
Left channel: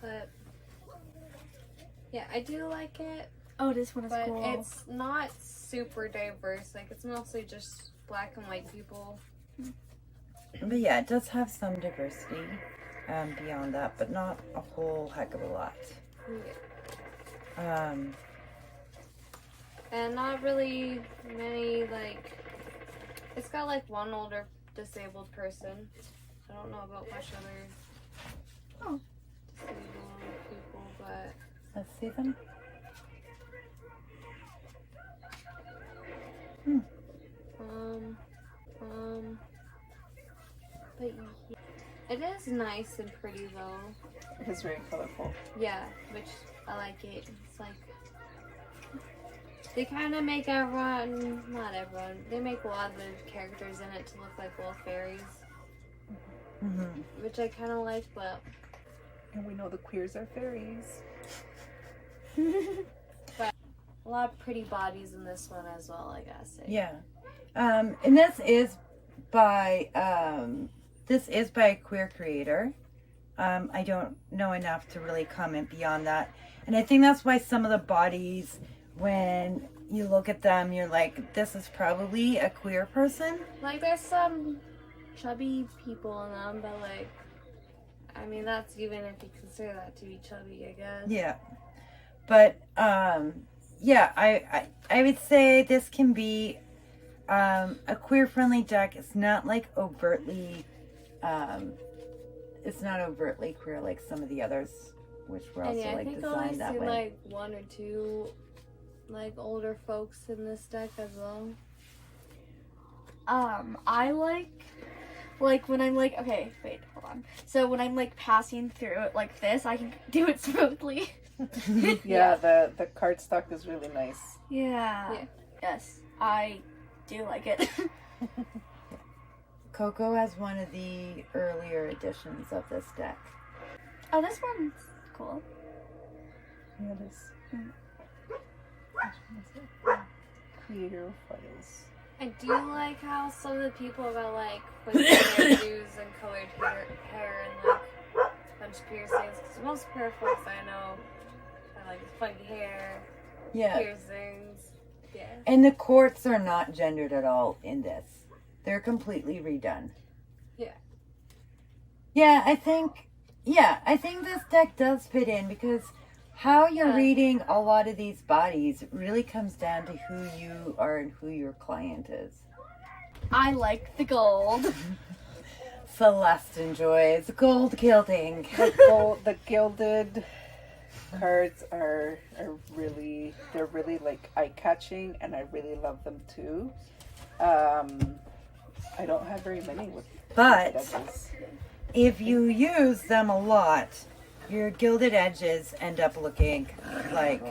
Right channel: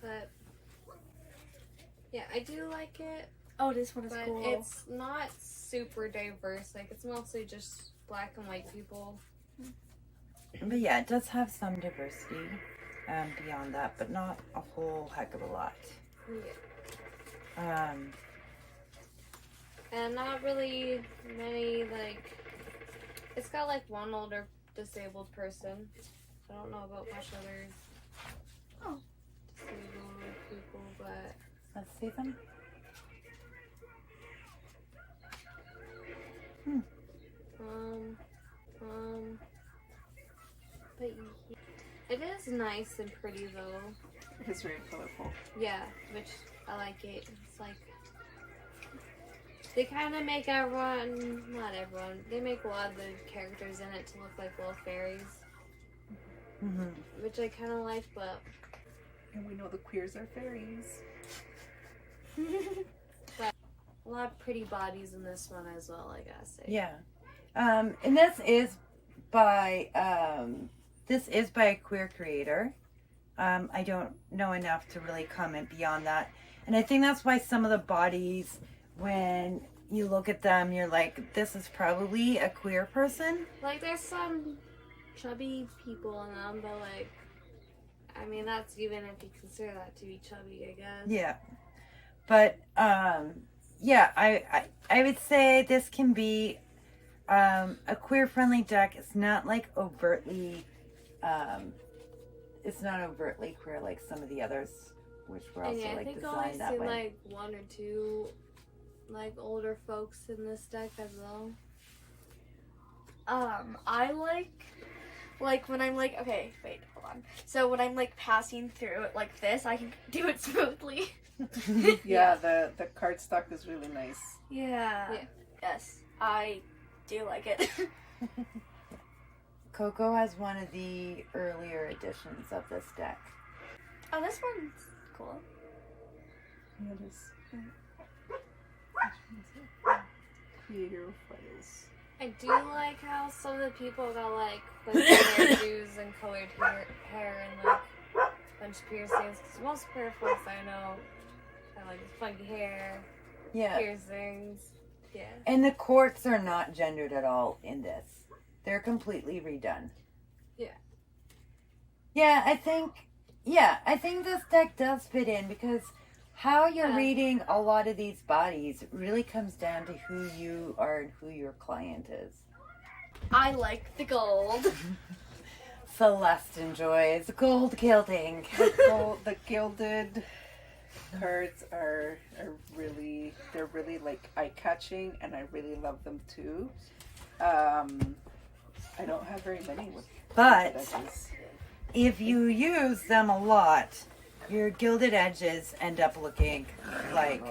But yeah, I do like it. Oh, this one is But cool. it's not super diverse. Like, it's mostly just black and white people. But yeah, it does have some diversity beyond that, but not a whole heck of a lot. Yeah. And not really many, like, it's got like one older disabled person. I don't know about much other disabled people, but Let's see them. but it is nice and pretty though. It is very colorful. Yeah, which I like it. It's like they kind of make everyone, not everyone, they make a lot of the characters in it to look like little fairies, which I kind of like, but And we know the queers are fairies. but a lot of pretty bodies in this one as well, I gotta say. Yeah. And this is by a queer creator. I don't know enough to really comment beyond that. And I think that's why some of the bodies, when you look at them, you're like, this is probably a queer person. Like, there's some chubby people in them, but like, I mean, that's even if you consider that to be chubby, I guess. Yeah. But, yeah, I would say this can be a queer-friendly deck. It's not like overtly, it's not overtly queer like some of the others, which were also yeah, like I think I designed only that see way. like one or two like older folks in this deck as well. I like when I'm like, okay, wait, hold on. So when I'm like passing through it like this, I can do it smoothly. Yeah, the cardstock is really nice. Yeah. Yes, I do like it. Coco has one of the earlier editions of this deck. Oh, this one's cool. Yeah, it is. Creator files. I do like how some of the people got like twisted hairdos and colored hair and like a bunch of piercings. Because most queer folks I know have like funky hair, Yeah. piercings. Yeah. And the courts are not gendered at all in this. They're completely redone. Yeah. Yeah, I think this deck does fit in because how you're reading a lot of these bodies really comes down to who you are and who your client is. I like the gold. Celeste enjoys gold gilding. The gilded cards are really, they're really like eye-catching, and I really love them too. I don't have very many with But edges. if you use them a lot, your gilded edges end up looking like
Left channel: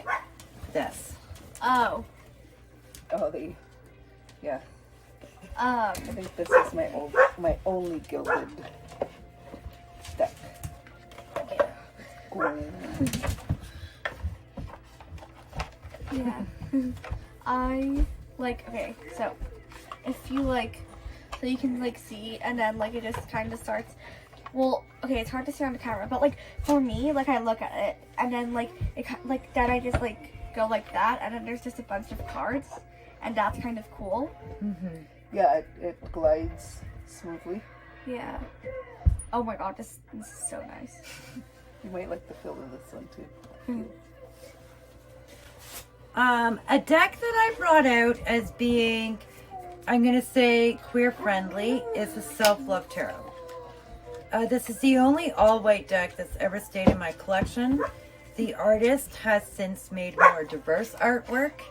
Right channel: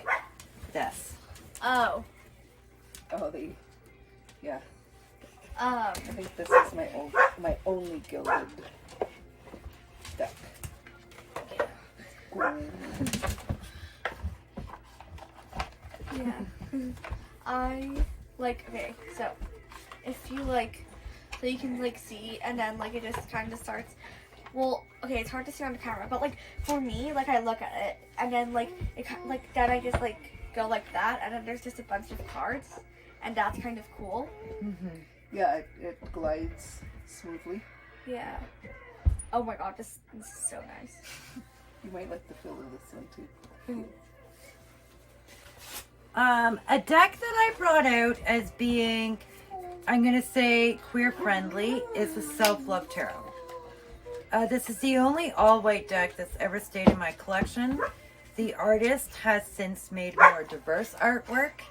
this. Oh. Oh, yeah. Um. I think this is my only gilded deck. Yeah. I like, okay, so if you like, so you can like see, and then like it just kind of starts, well, okay, it's hard to see on the camera, but like for me, like I look at it, and then like it like then I just like go like that, and then there's just a bunch of cards, and that's kind of cool. Yeah, it glides smoothly. Yeah. Oh my god, this is so nice. You might like the feel of this one too. A deck that I brought out as being, I'm going to say, queer friendly is the Self-Love Tarot. This is the only all-white deck that's ever stayed in my collection. The artist has since made more diverse artwork,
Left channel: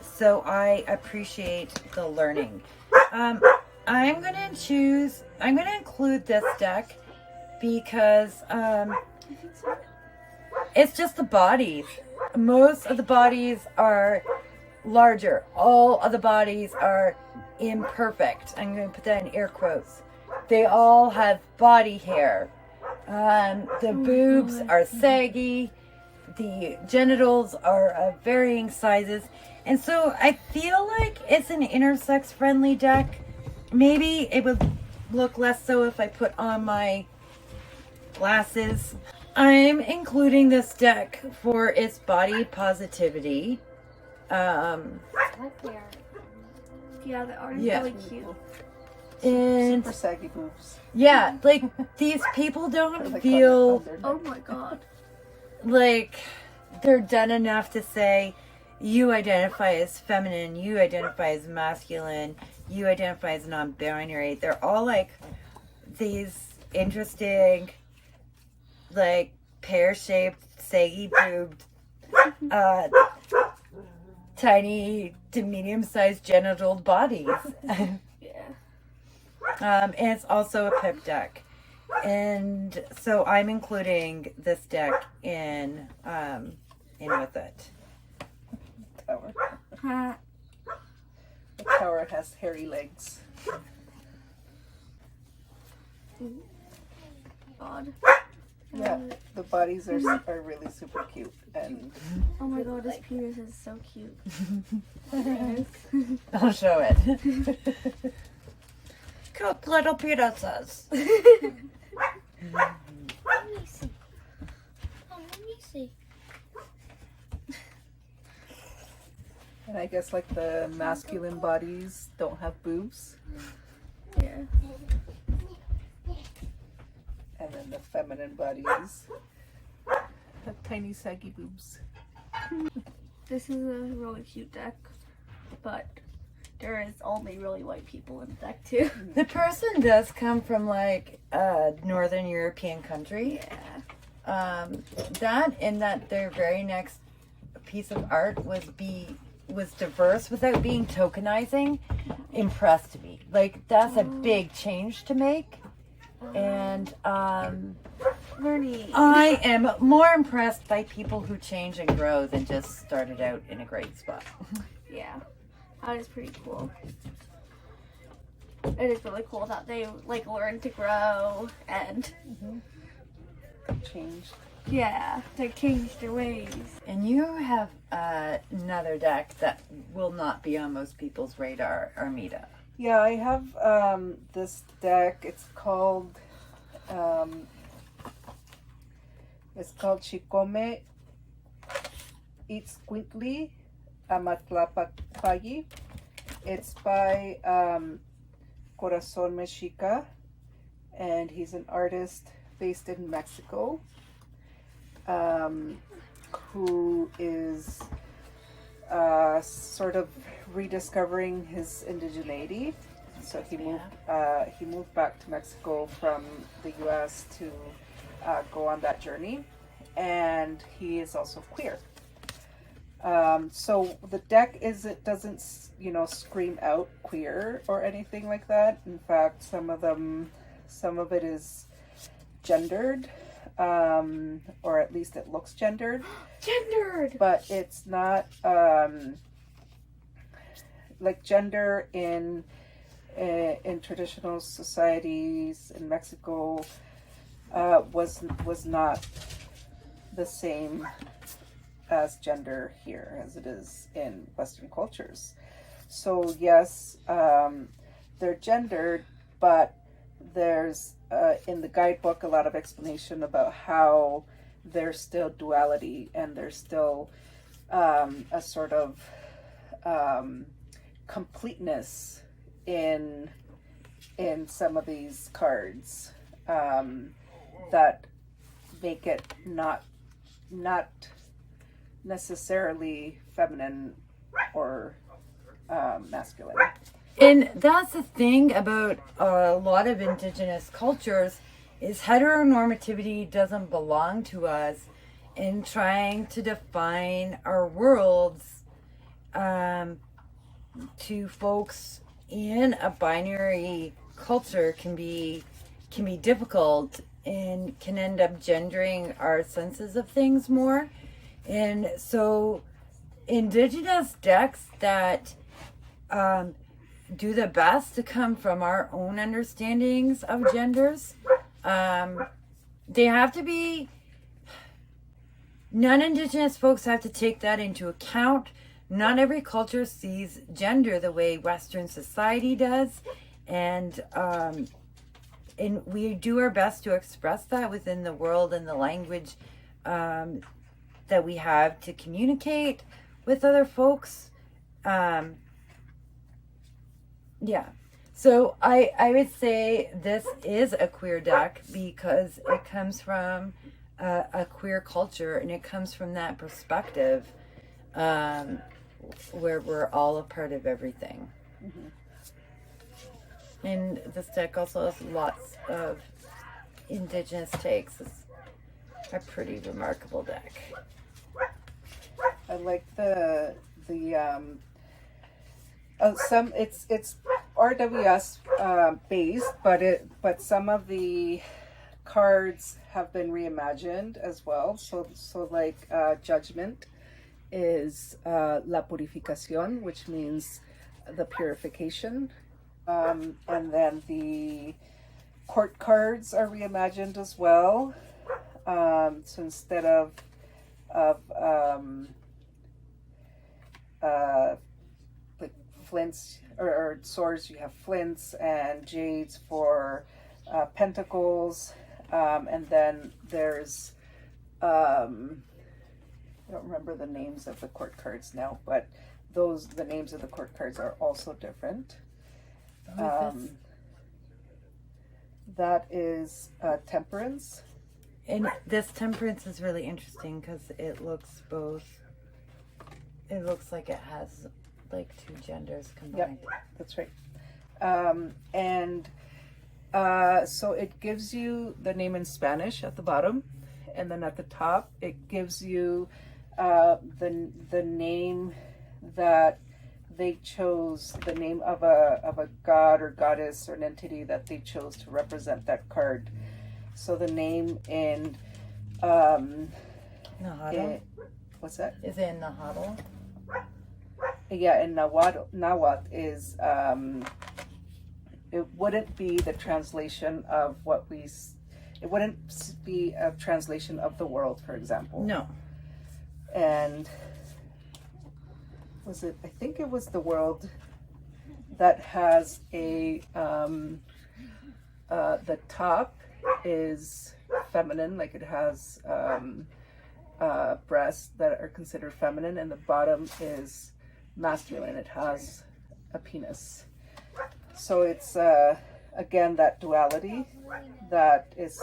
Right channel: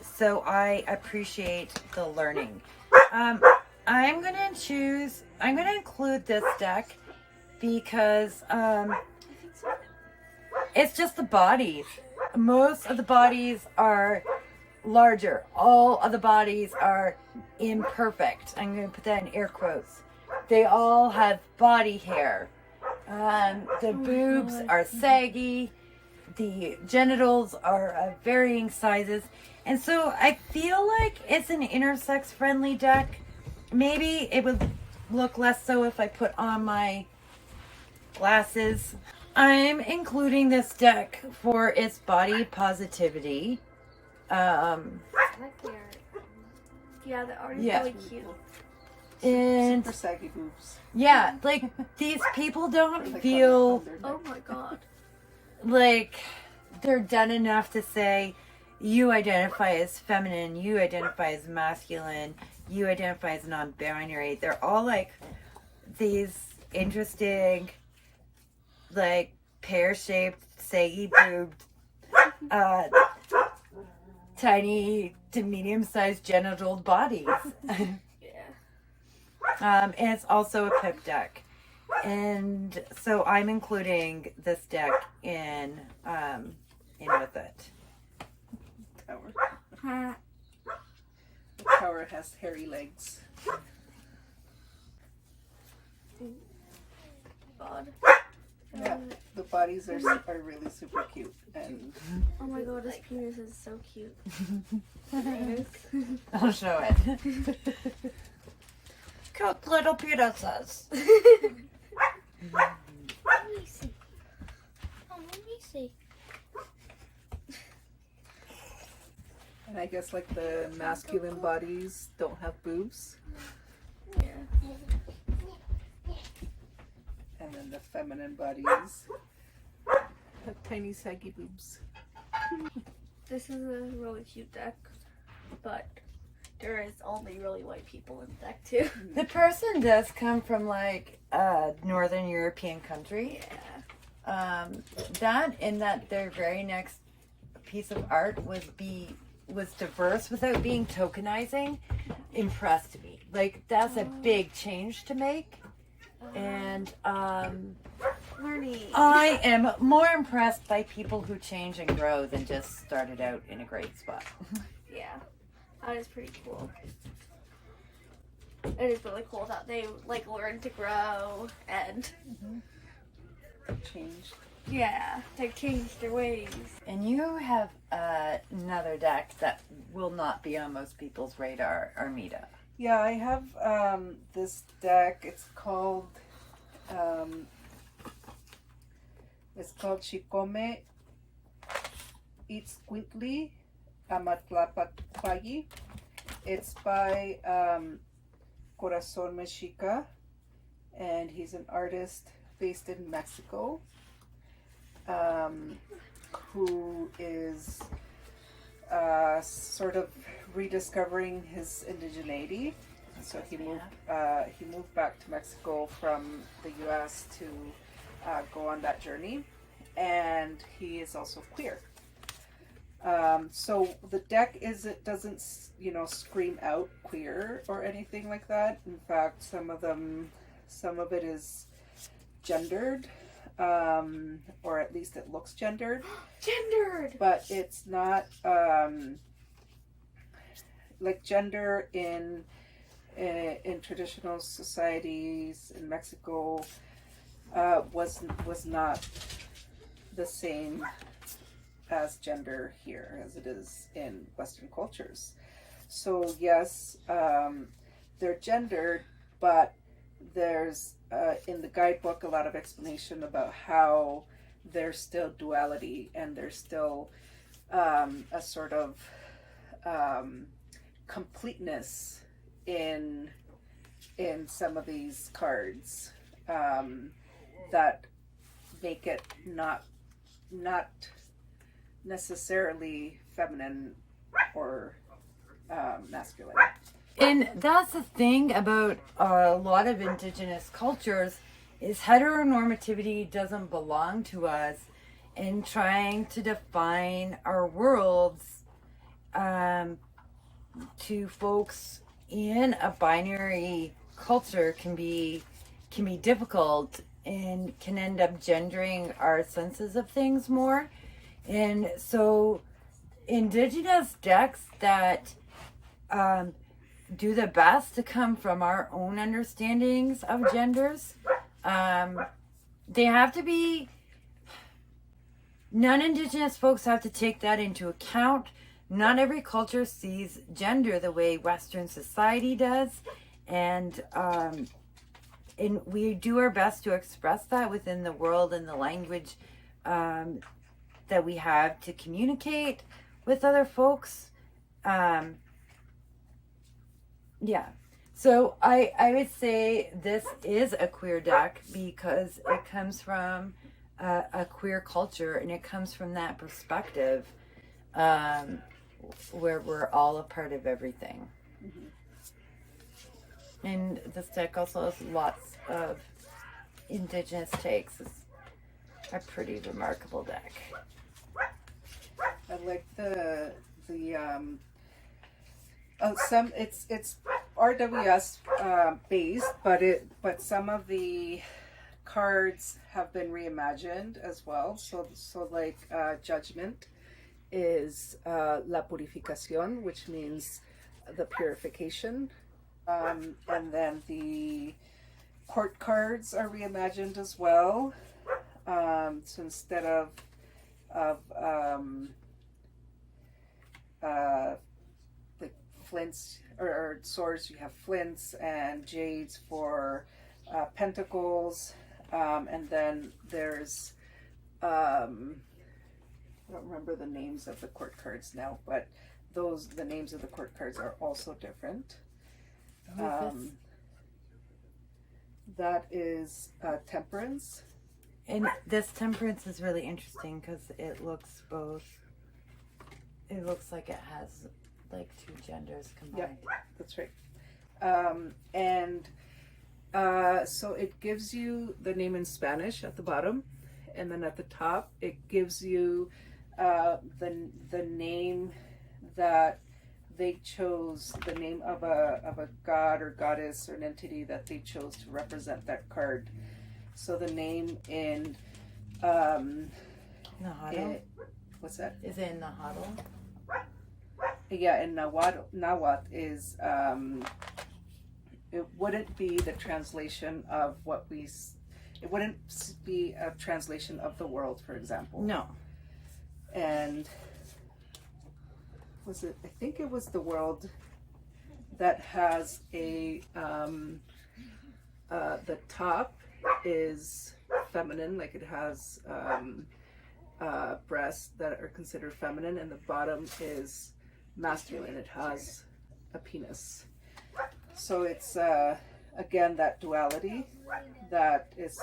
so I appreciate the learning. I'm going to include this deck because it's just the bodies. Most of the bodies are larger. All of the bodies are imperfect. I'm going to put that in air quotes. They all have body hair. The boobs are saggy. The genitals are of varying sizes. And so I feel like it's an intersex friendly deck. Maybe it would look less so if I put on my glasses. I'm including this deck for its body positivity. I like the art. Yeah, the art is Yeah. really cute. And Super saggy boobs. yeah, like these people don't Like feel on their Oh neck. my god. like they're done enough to say, you identify as feminine, you identify as masculine, you identify as non-binary. They're all like these interesting, like pear-shaped, saggy boobed, tiny to medium-sized genital bodies. Yeah. And it's also a pip deck. And so I'm including this deck in with it. Tower. Uh, The tower has hairy legs. God. Yeah, the bodies are really super cute, and Oh my god, this penis is so cute. I'll show it. Cute little penises. Let me see. Oh, let me see. and I guess like the masculine bodies don't have boobs, Yeah. and then the feminine bodies have tiny saggy boobs. This is a really cute deck, but there is only really white people in the deck too. The person does come from like a Northern European country. Yeah. That their very next piece of art was diverse without being tokenizing, impressed me. Like that's a big change to make. And Learning. I am more impressed by people who change and grow than just started out in a great spot. Yeah. That is pretty cool. It is really cool that they like learn to grow and Changed. yeah, they change their ways. And you have another deck that will not be on most people's radar, Hermeta. Yeah, I have this deck. It's called Shikome Itzcuintli Amatlapatpayi. It's by Corazon Mexica, and he's an artist based in Mexico, who is sort of rediscovering his indigeneity. So he moved back to Mexico from the U.S. to go on that journey, and he is also queer. So the deck doesn't scream out queer or anything like that. In fact, some of it is gendered, or at least it looks gendered. Gendered. But it's not like gender in traditional societies in Mexico was not the same as gender here as it is in Western cultures. So yes, they're gendered, but there's in the guidebook a lot of explanation about how there's still duality and there's still a sort of completeness in some of these cards that make it not necessarily feminine or masculine. And that's the thing about a lot of indigenous cultures is heteronormativity doesn't belong to us, and trying to define our worlds to folks in a binary culture can be difficult and can end up gendering our senses of things more. And so indigenous decks that do the best to come from our own understandings of genders, they have to be, non-indigenous folks have to take that into account. Not every culture sees gender the way Western society does, and we do our best to express that within the world and the language that we have to communicate with other folks. Yeah. So I would say this is a queer deck because it comes from a queer culture, and it comes from that perspective, where we're all a part of everything. Mm-hmm. And this deck also has lots of indigenous takes. It's a pretty remarkable deck. I like some it's RWS based, but some of the cards have been reimagined as well. So like Judgment is La Purificación, which means the purification, and then the court cards are reimagined as well. So instead of like flints or swords, you have flints, and jades for pentacles, and then there's I don't remember the names of the court cards now, but the names of the court cards are also different. That is Temperance. And this Temperance is really interesting because it looks like it has like two genders combined. Yep, that's right. So it gives you the name in Spanish at the bottom, and then at the top it gives you the name that they chose, the name of a god or goddess or an entity that they chose to represent that card. So the name in Nahuatl. What's that? Is it in Nahuatl? Yeah, in Nahuatl is it wouldn't be the translation of it wouldn't be a translation of the world, for example. No. And I think it was the world that has the top is feminine, like it has breasts that are considered feminine, and the bottom is masculine, it has a penis. So it's again that duality that is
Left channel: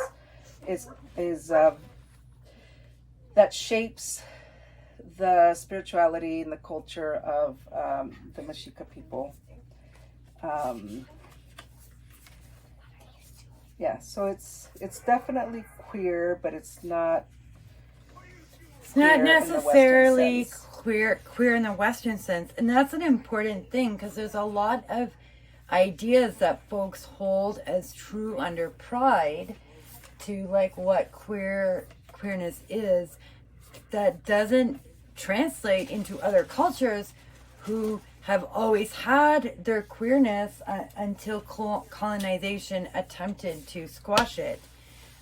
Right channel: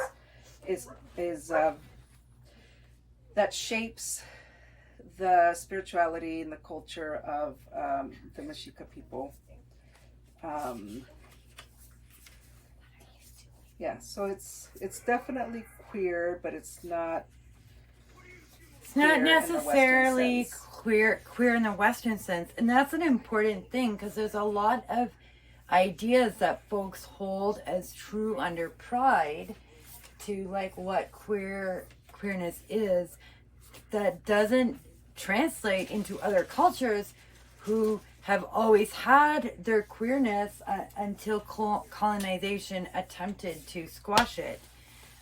that shapes the spirituality and the culture of the Mexica people. So it's definitely queer, but it's not necessarily queer in the Western sense, and that's an important thing because there's a lot of ideas that folks hold as true under pride to like what queerness is, that doesn't translate into other cultures who have always had their queerness until colonization attempted to squash it.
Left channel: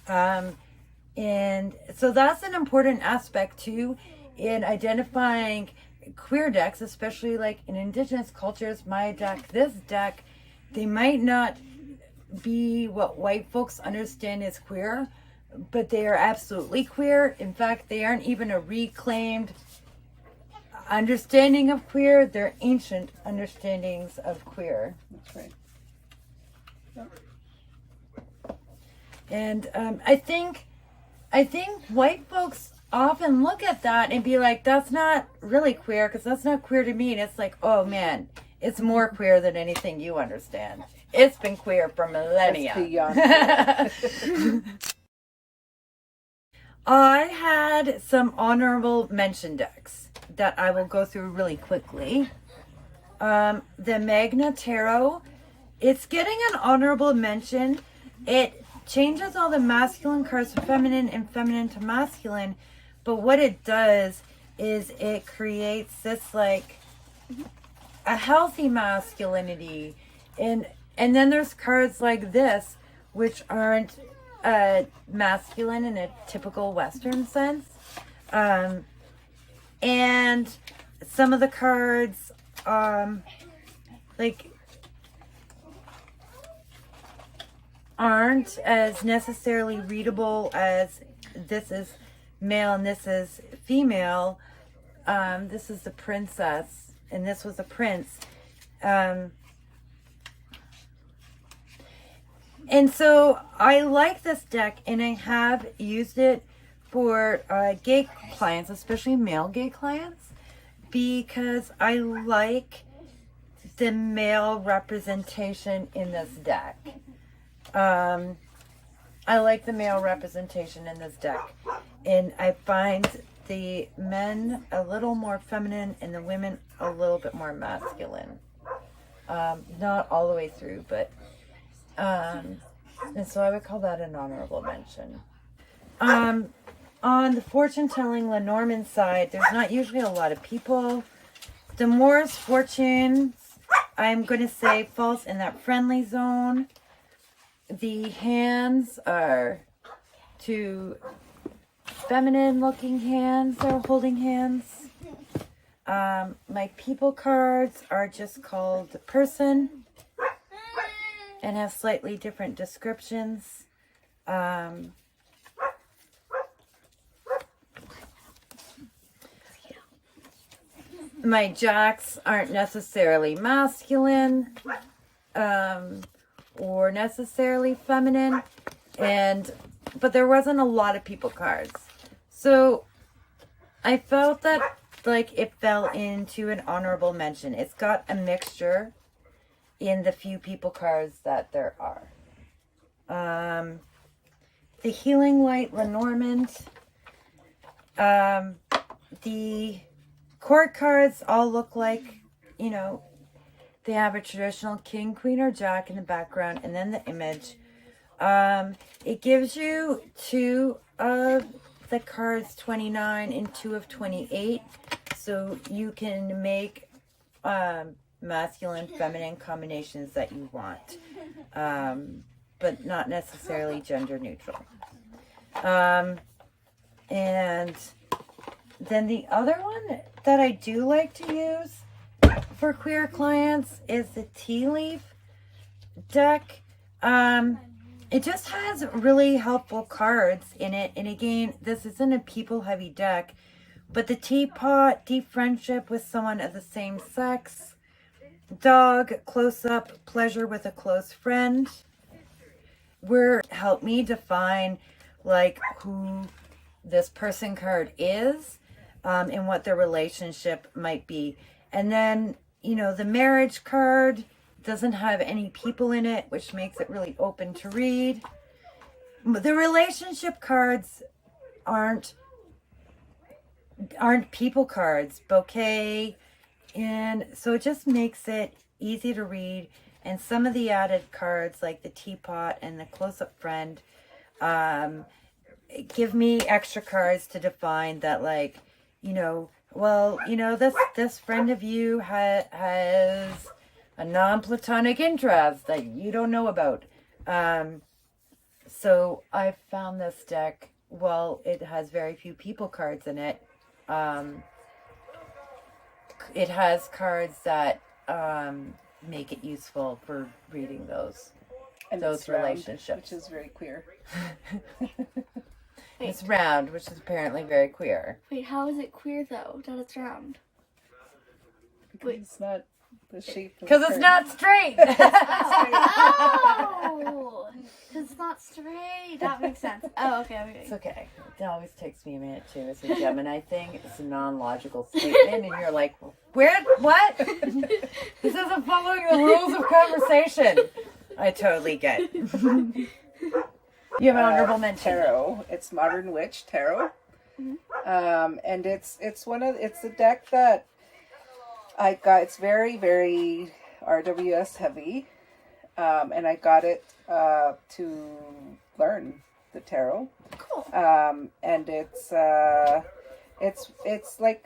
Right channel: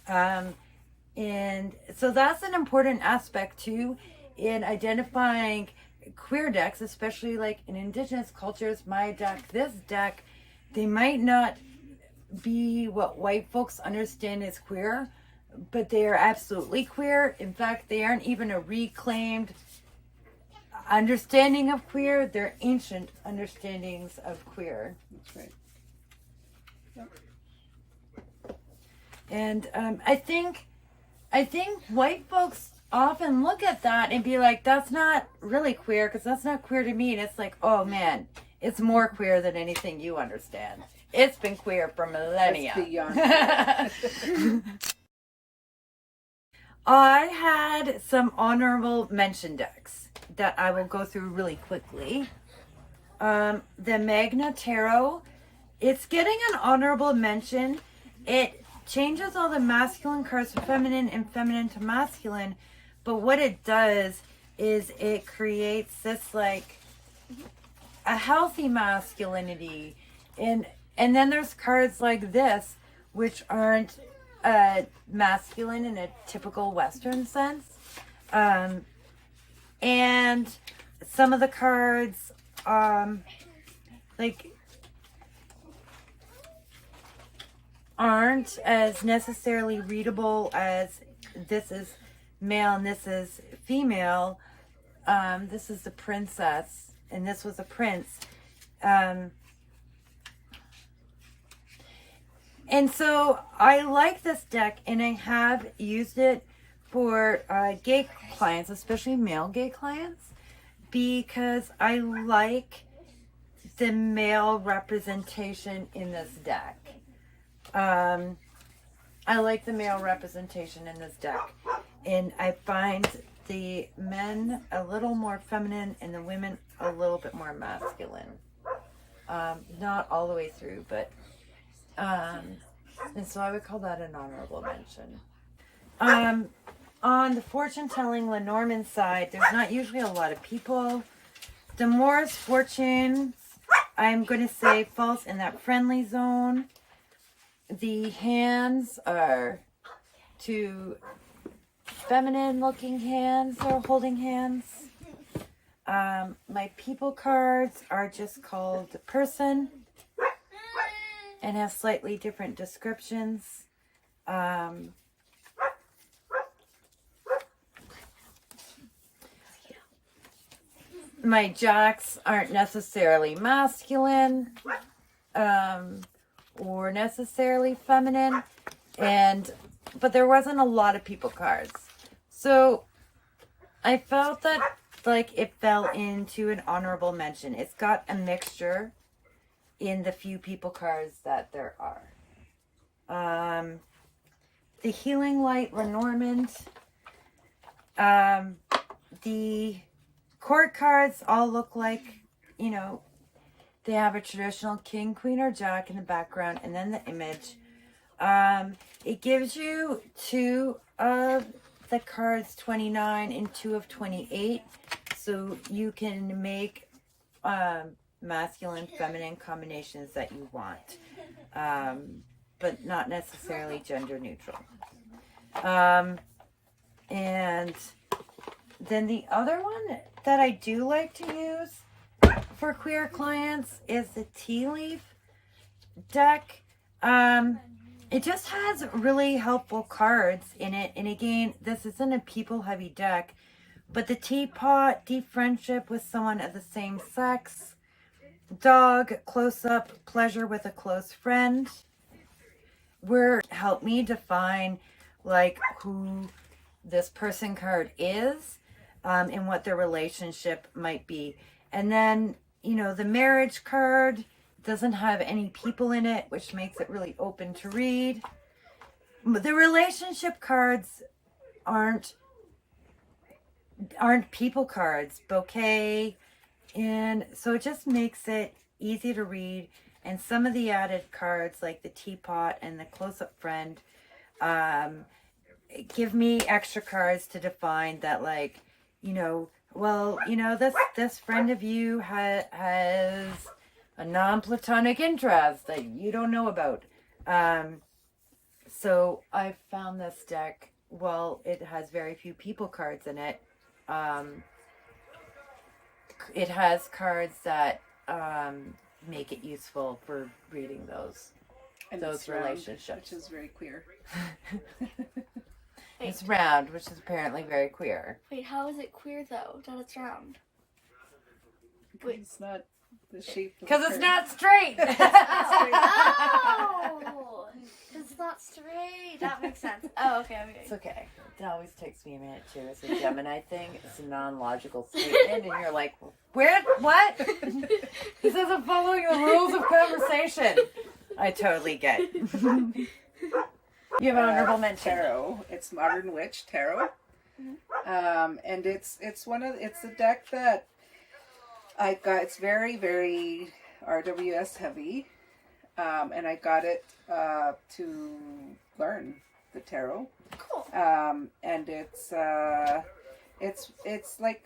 And so that's an important aspect too in identifying queer decks, especially like in indigenous cultures. My deck, this deck, they might not be what white folks understand as queer, but they are absolutely queer. In fact, they aren't even a reclaimed understanding of queer. They're ancient understandings of queer. That's right. Yep. And I think white folks often look at that and be like, that's not really queer because that's not queer to me. And it's like, oh man, it's more queer than anything you understand. It's been queer for millennia. It's beyond. I had some honorable mention decks that I will go through really quickly. The Magna Tarot, it's getting an honorable mention. It changes all the masculine cards to feminine and feminine to masculine, but what it does is it creates this like a healthy masculinity, and then there's cards like this which aren't masculine in a typical Western sense, and some of the cards like aren't as necessarily readable as this is male and this is female. This is the princess and this was a prince. And so I like this deck and I have used it for gay clients, especially male gay clients, because I like the male representation in this deck. I like the male representation in this deck, and I find the men a little more feminine and the women a little bit more masculine. Not all the way through, but and so I would call that an honorable mention. On the fortune-telling Lenormand side, there's not usually a lot of people. The Morris fortunes, I'm going to say, falls in that friendly zone. The hands are two feminine-looking hands that are holding hands. My people cards are just called the person and have slightly different descriptions. My jacks aren't necessarily masculine or necessarily feminine, but there wasn't a lot of people cards. So I felt that like it fell into an honorable mention. It's got a mixture in the few people cards that there are. The Healing Light Lenormand. The court cards all look like, you know, they have a traditional king, queen, or jack in the background, and then the image. It gives you 2 of the cards 29 and 2 of 28, so you can make masculine, feminine combinations that you want, but not necessarily gender neutral. And then the other one that I do like to use for queer clients is the Tea Leaf deck. It just has really helpful cards in it. And again, this isn't a people heavy deck, but the teapot, deep friendship with someone of the same sex, dog, close up, pleasure with a close friend, help me define like who this person card is, and what their relationship might be. And then, you know, the marriage card doesn't have any people in it, which makes it really open to read. The relationship cards aren't people cards, bouquet, and so it just makes it easy to read. And some of the added cards, like the teapot and the close-up friend, give me extra cards to define that, like, you know, well, you know, this friend of you has a non-platonic interest that you don't know about. So I found this deck, well, it has very few people cards in it. It has cards that make it useful for reading those relationships. Which is very queer. It's round, which is apparently very queer. Wait, how is it queer though, that it's round? Because it's not the shape of Because it's not straight! Oh! Because it's not straight. That makes sense. Oh, okay. It's okay. It always takes me a minute too. It's a Gemini thing. It's a non-logical statement, and you're like, "Where? What? This isn't following the rules of conversation." I totally get. You have an honorable mention. Tarot. It's Modern Witch Tarot. Mm-hmm. And it's a deck that I got. It's very, very RWS heavy. And I got it to learn the tarot. Cool. And it's like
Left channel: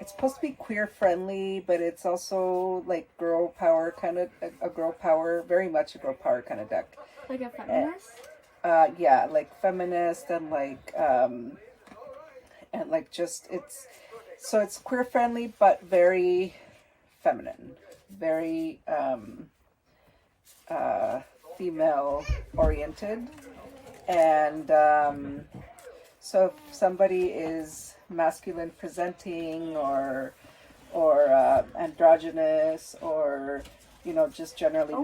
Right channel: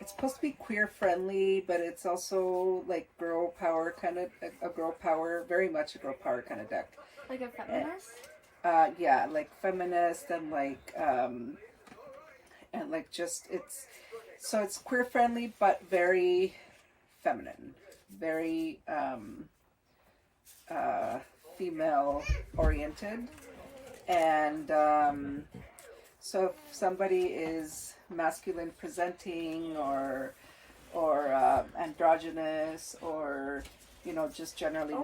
it's supposed to be queer friendly, but it's also like girl power kind of a girl power, very much a girl power kind of deck. Like a feminist? Yeah, like feminist and like just it's queer friendly but very feminine, very female oriented. And so if somebody is masculine presenting or androgynous or, you know, just generally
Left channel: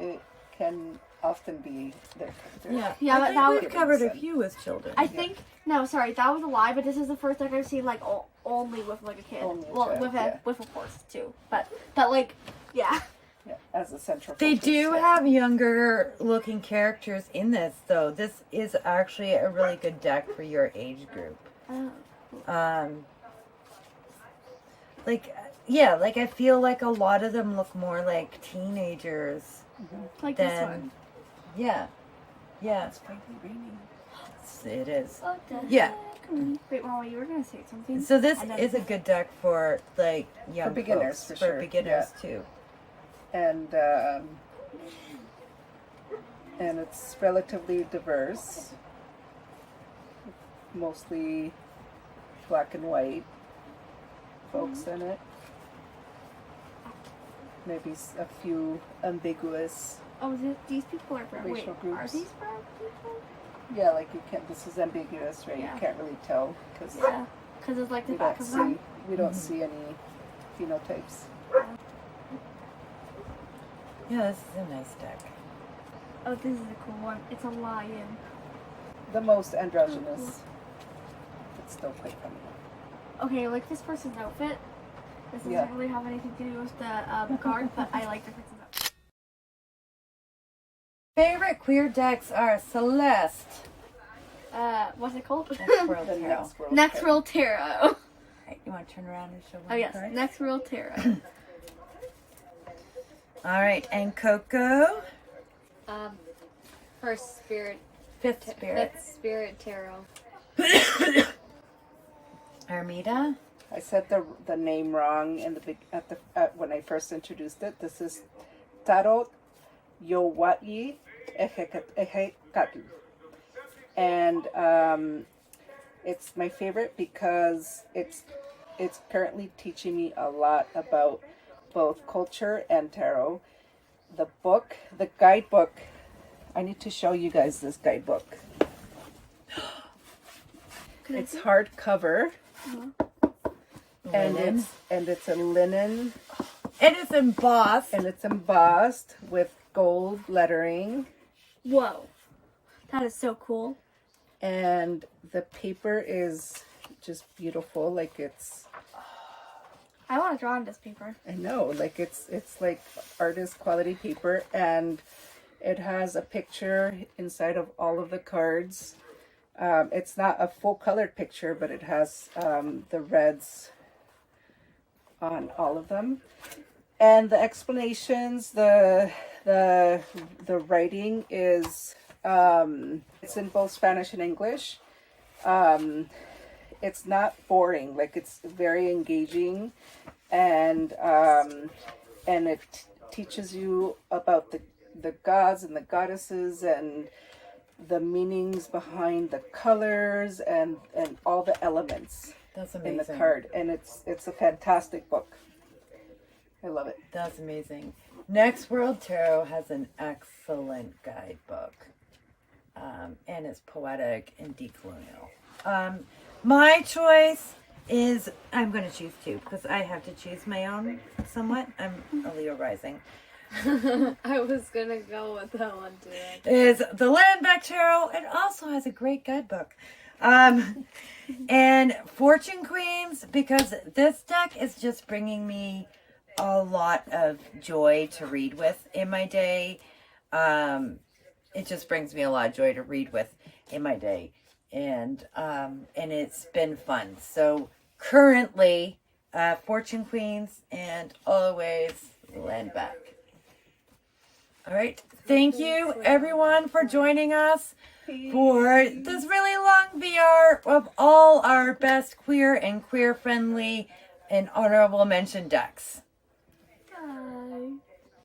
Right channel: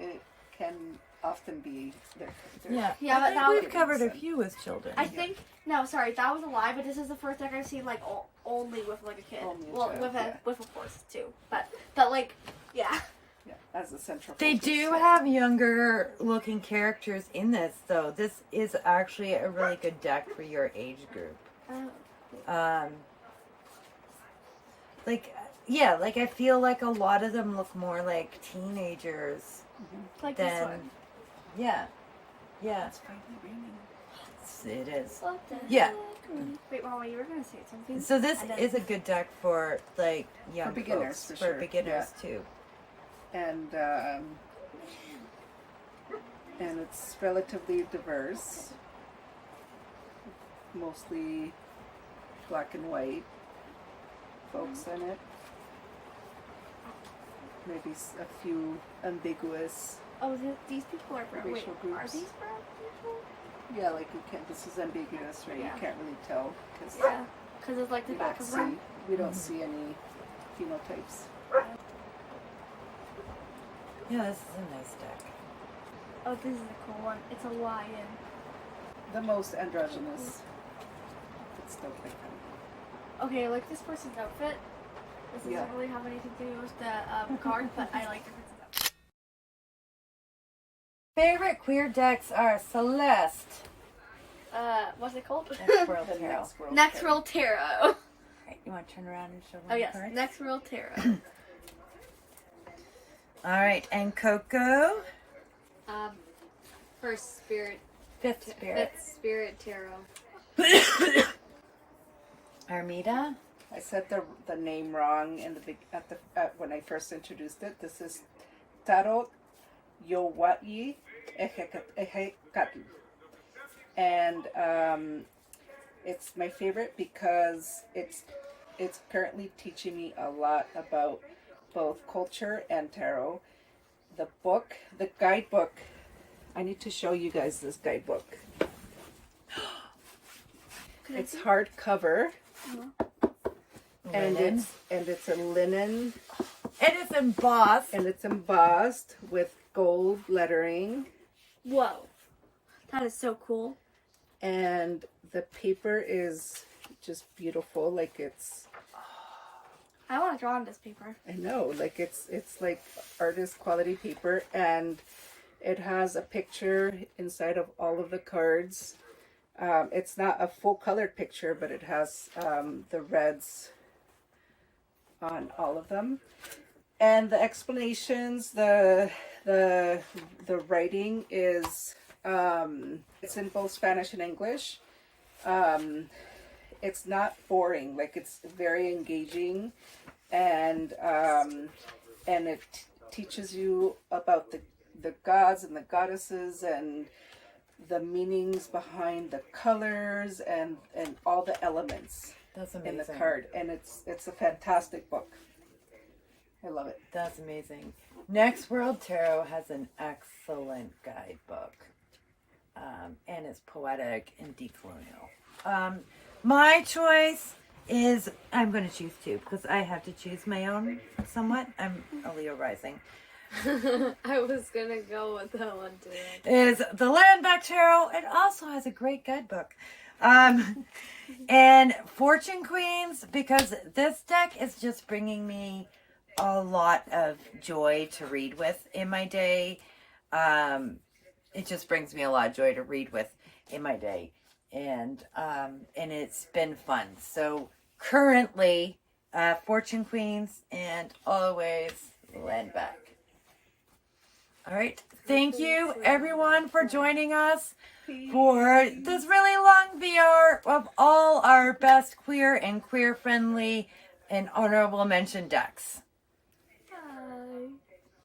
it can often be their. Yeah, Yeah, I but think that we've was- covered a few with children. I think no, sorry, that was a lie. But this is the first deck I've seen like only with like a kid. Only a Well, child, with a yeah. with a horse too. But like, yeah. Yeah, as a central. They focus, do yeah. have younger looking characters in this, though. This is actually a really good deck for your age group. Like, yeah, like I feel like a lot of them look more like teenagers Like this than, one. yeah, yeah, It's finally raining. it is. What the Yeah. heck? Wait, Mama, you were gonna say something. So this And then- is a good deck for like young beginners, folks, for for sure, beginners too. And it's relatively diverse, mostly black and white folks in it. Maybe a few ambiguous. Oh, these people are brown. Wait, Racial are groups. these brown people? Yeah, like you can't. This is ambiguous, right? Yeah. You can't really tell because Yeah, because it's like the we back don't of them. see we don't see any phenotypes. Yeah, this is a nice deck. Oh, this is a cool one. It's a lion. The most androgynous. It's still quite feminine. Okay, I like this person's outfit. This doesn't Yeah. really have anything to do with the guard, but I like the person's outfit. Favorite queer decks are Celeste. What's it called? Next World The Tarot. next world. Next Tarot. World Tarot. Right, you want to turn around and show Oh one yes, card? Next World Tarot. All right, and Coco, First Spirit. Fifth Spirit. Fifth Spirit Tarot. Hermeta, I said the name wrong in the when I first introduced it. This is Tarot Yowatyi Ehekatl. And it's my favorite because it's currently teaching me a lot about both culture and tarot. The guidebook, I need to show you guys this guidebook. It's hardcover. linen, And it's a linen, and it's embossed. and it's embossed with gold lettering, Whoa, that is so cool. and the paper is just beautiful. Like it's, I want to draw on this paper. I know, like it's like artist quality paper, and it has a picture inside of all of the cards. It's not a full colored picture, but it has the reds on all of them, and the explanations, the writing is it's in both Spanish and English. It's not boring, like it's very engaging, and it teaches you about the gods and the goddesses and the meanings behind the colors and all the elements That's in amazing. the card, and it's a fantastic book. I love it. That's amazing. Next World Tarot has an excellent guidebook, and it's poetic and decolonial. My choice is, I'm going to choose two because I have to choose my own somewhat. I'm a Leo rising. I was gonna go with that one too. Is the Lenormand Tarot. It also has a great guidebook. And Fortune Queens, because this deck is just bringing me a lot of joy to read with in my day. It just brings me a lot of joy to read with in my day. And it's been fun. So currently, Fortune Queens and always Land Back. All right. Thank you, everyone, for joining us for this really long VR of all our best queer and queer-friendly and honorable mention decks.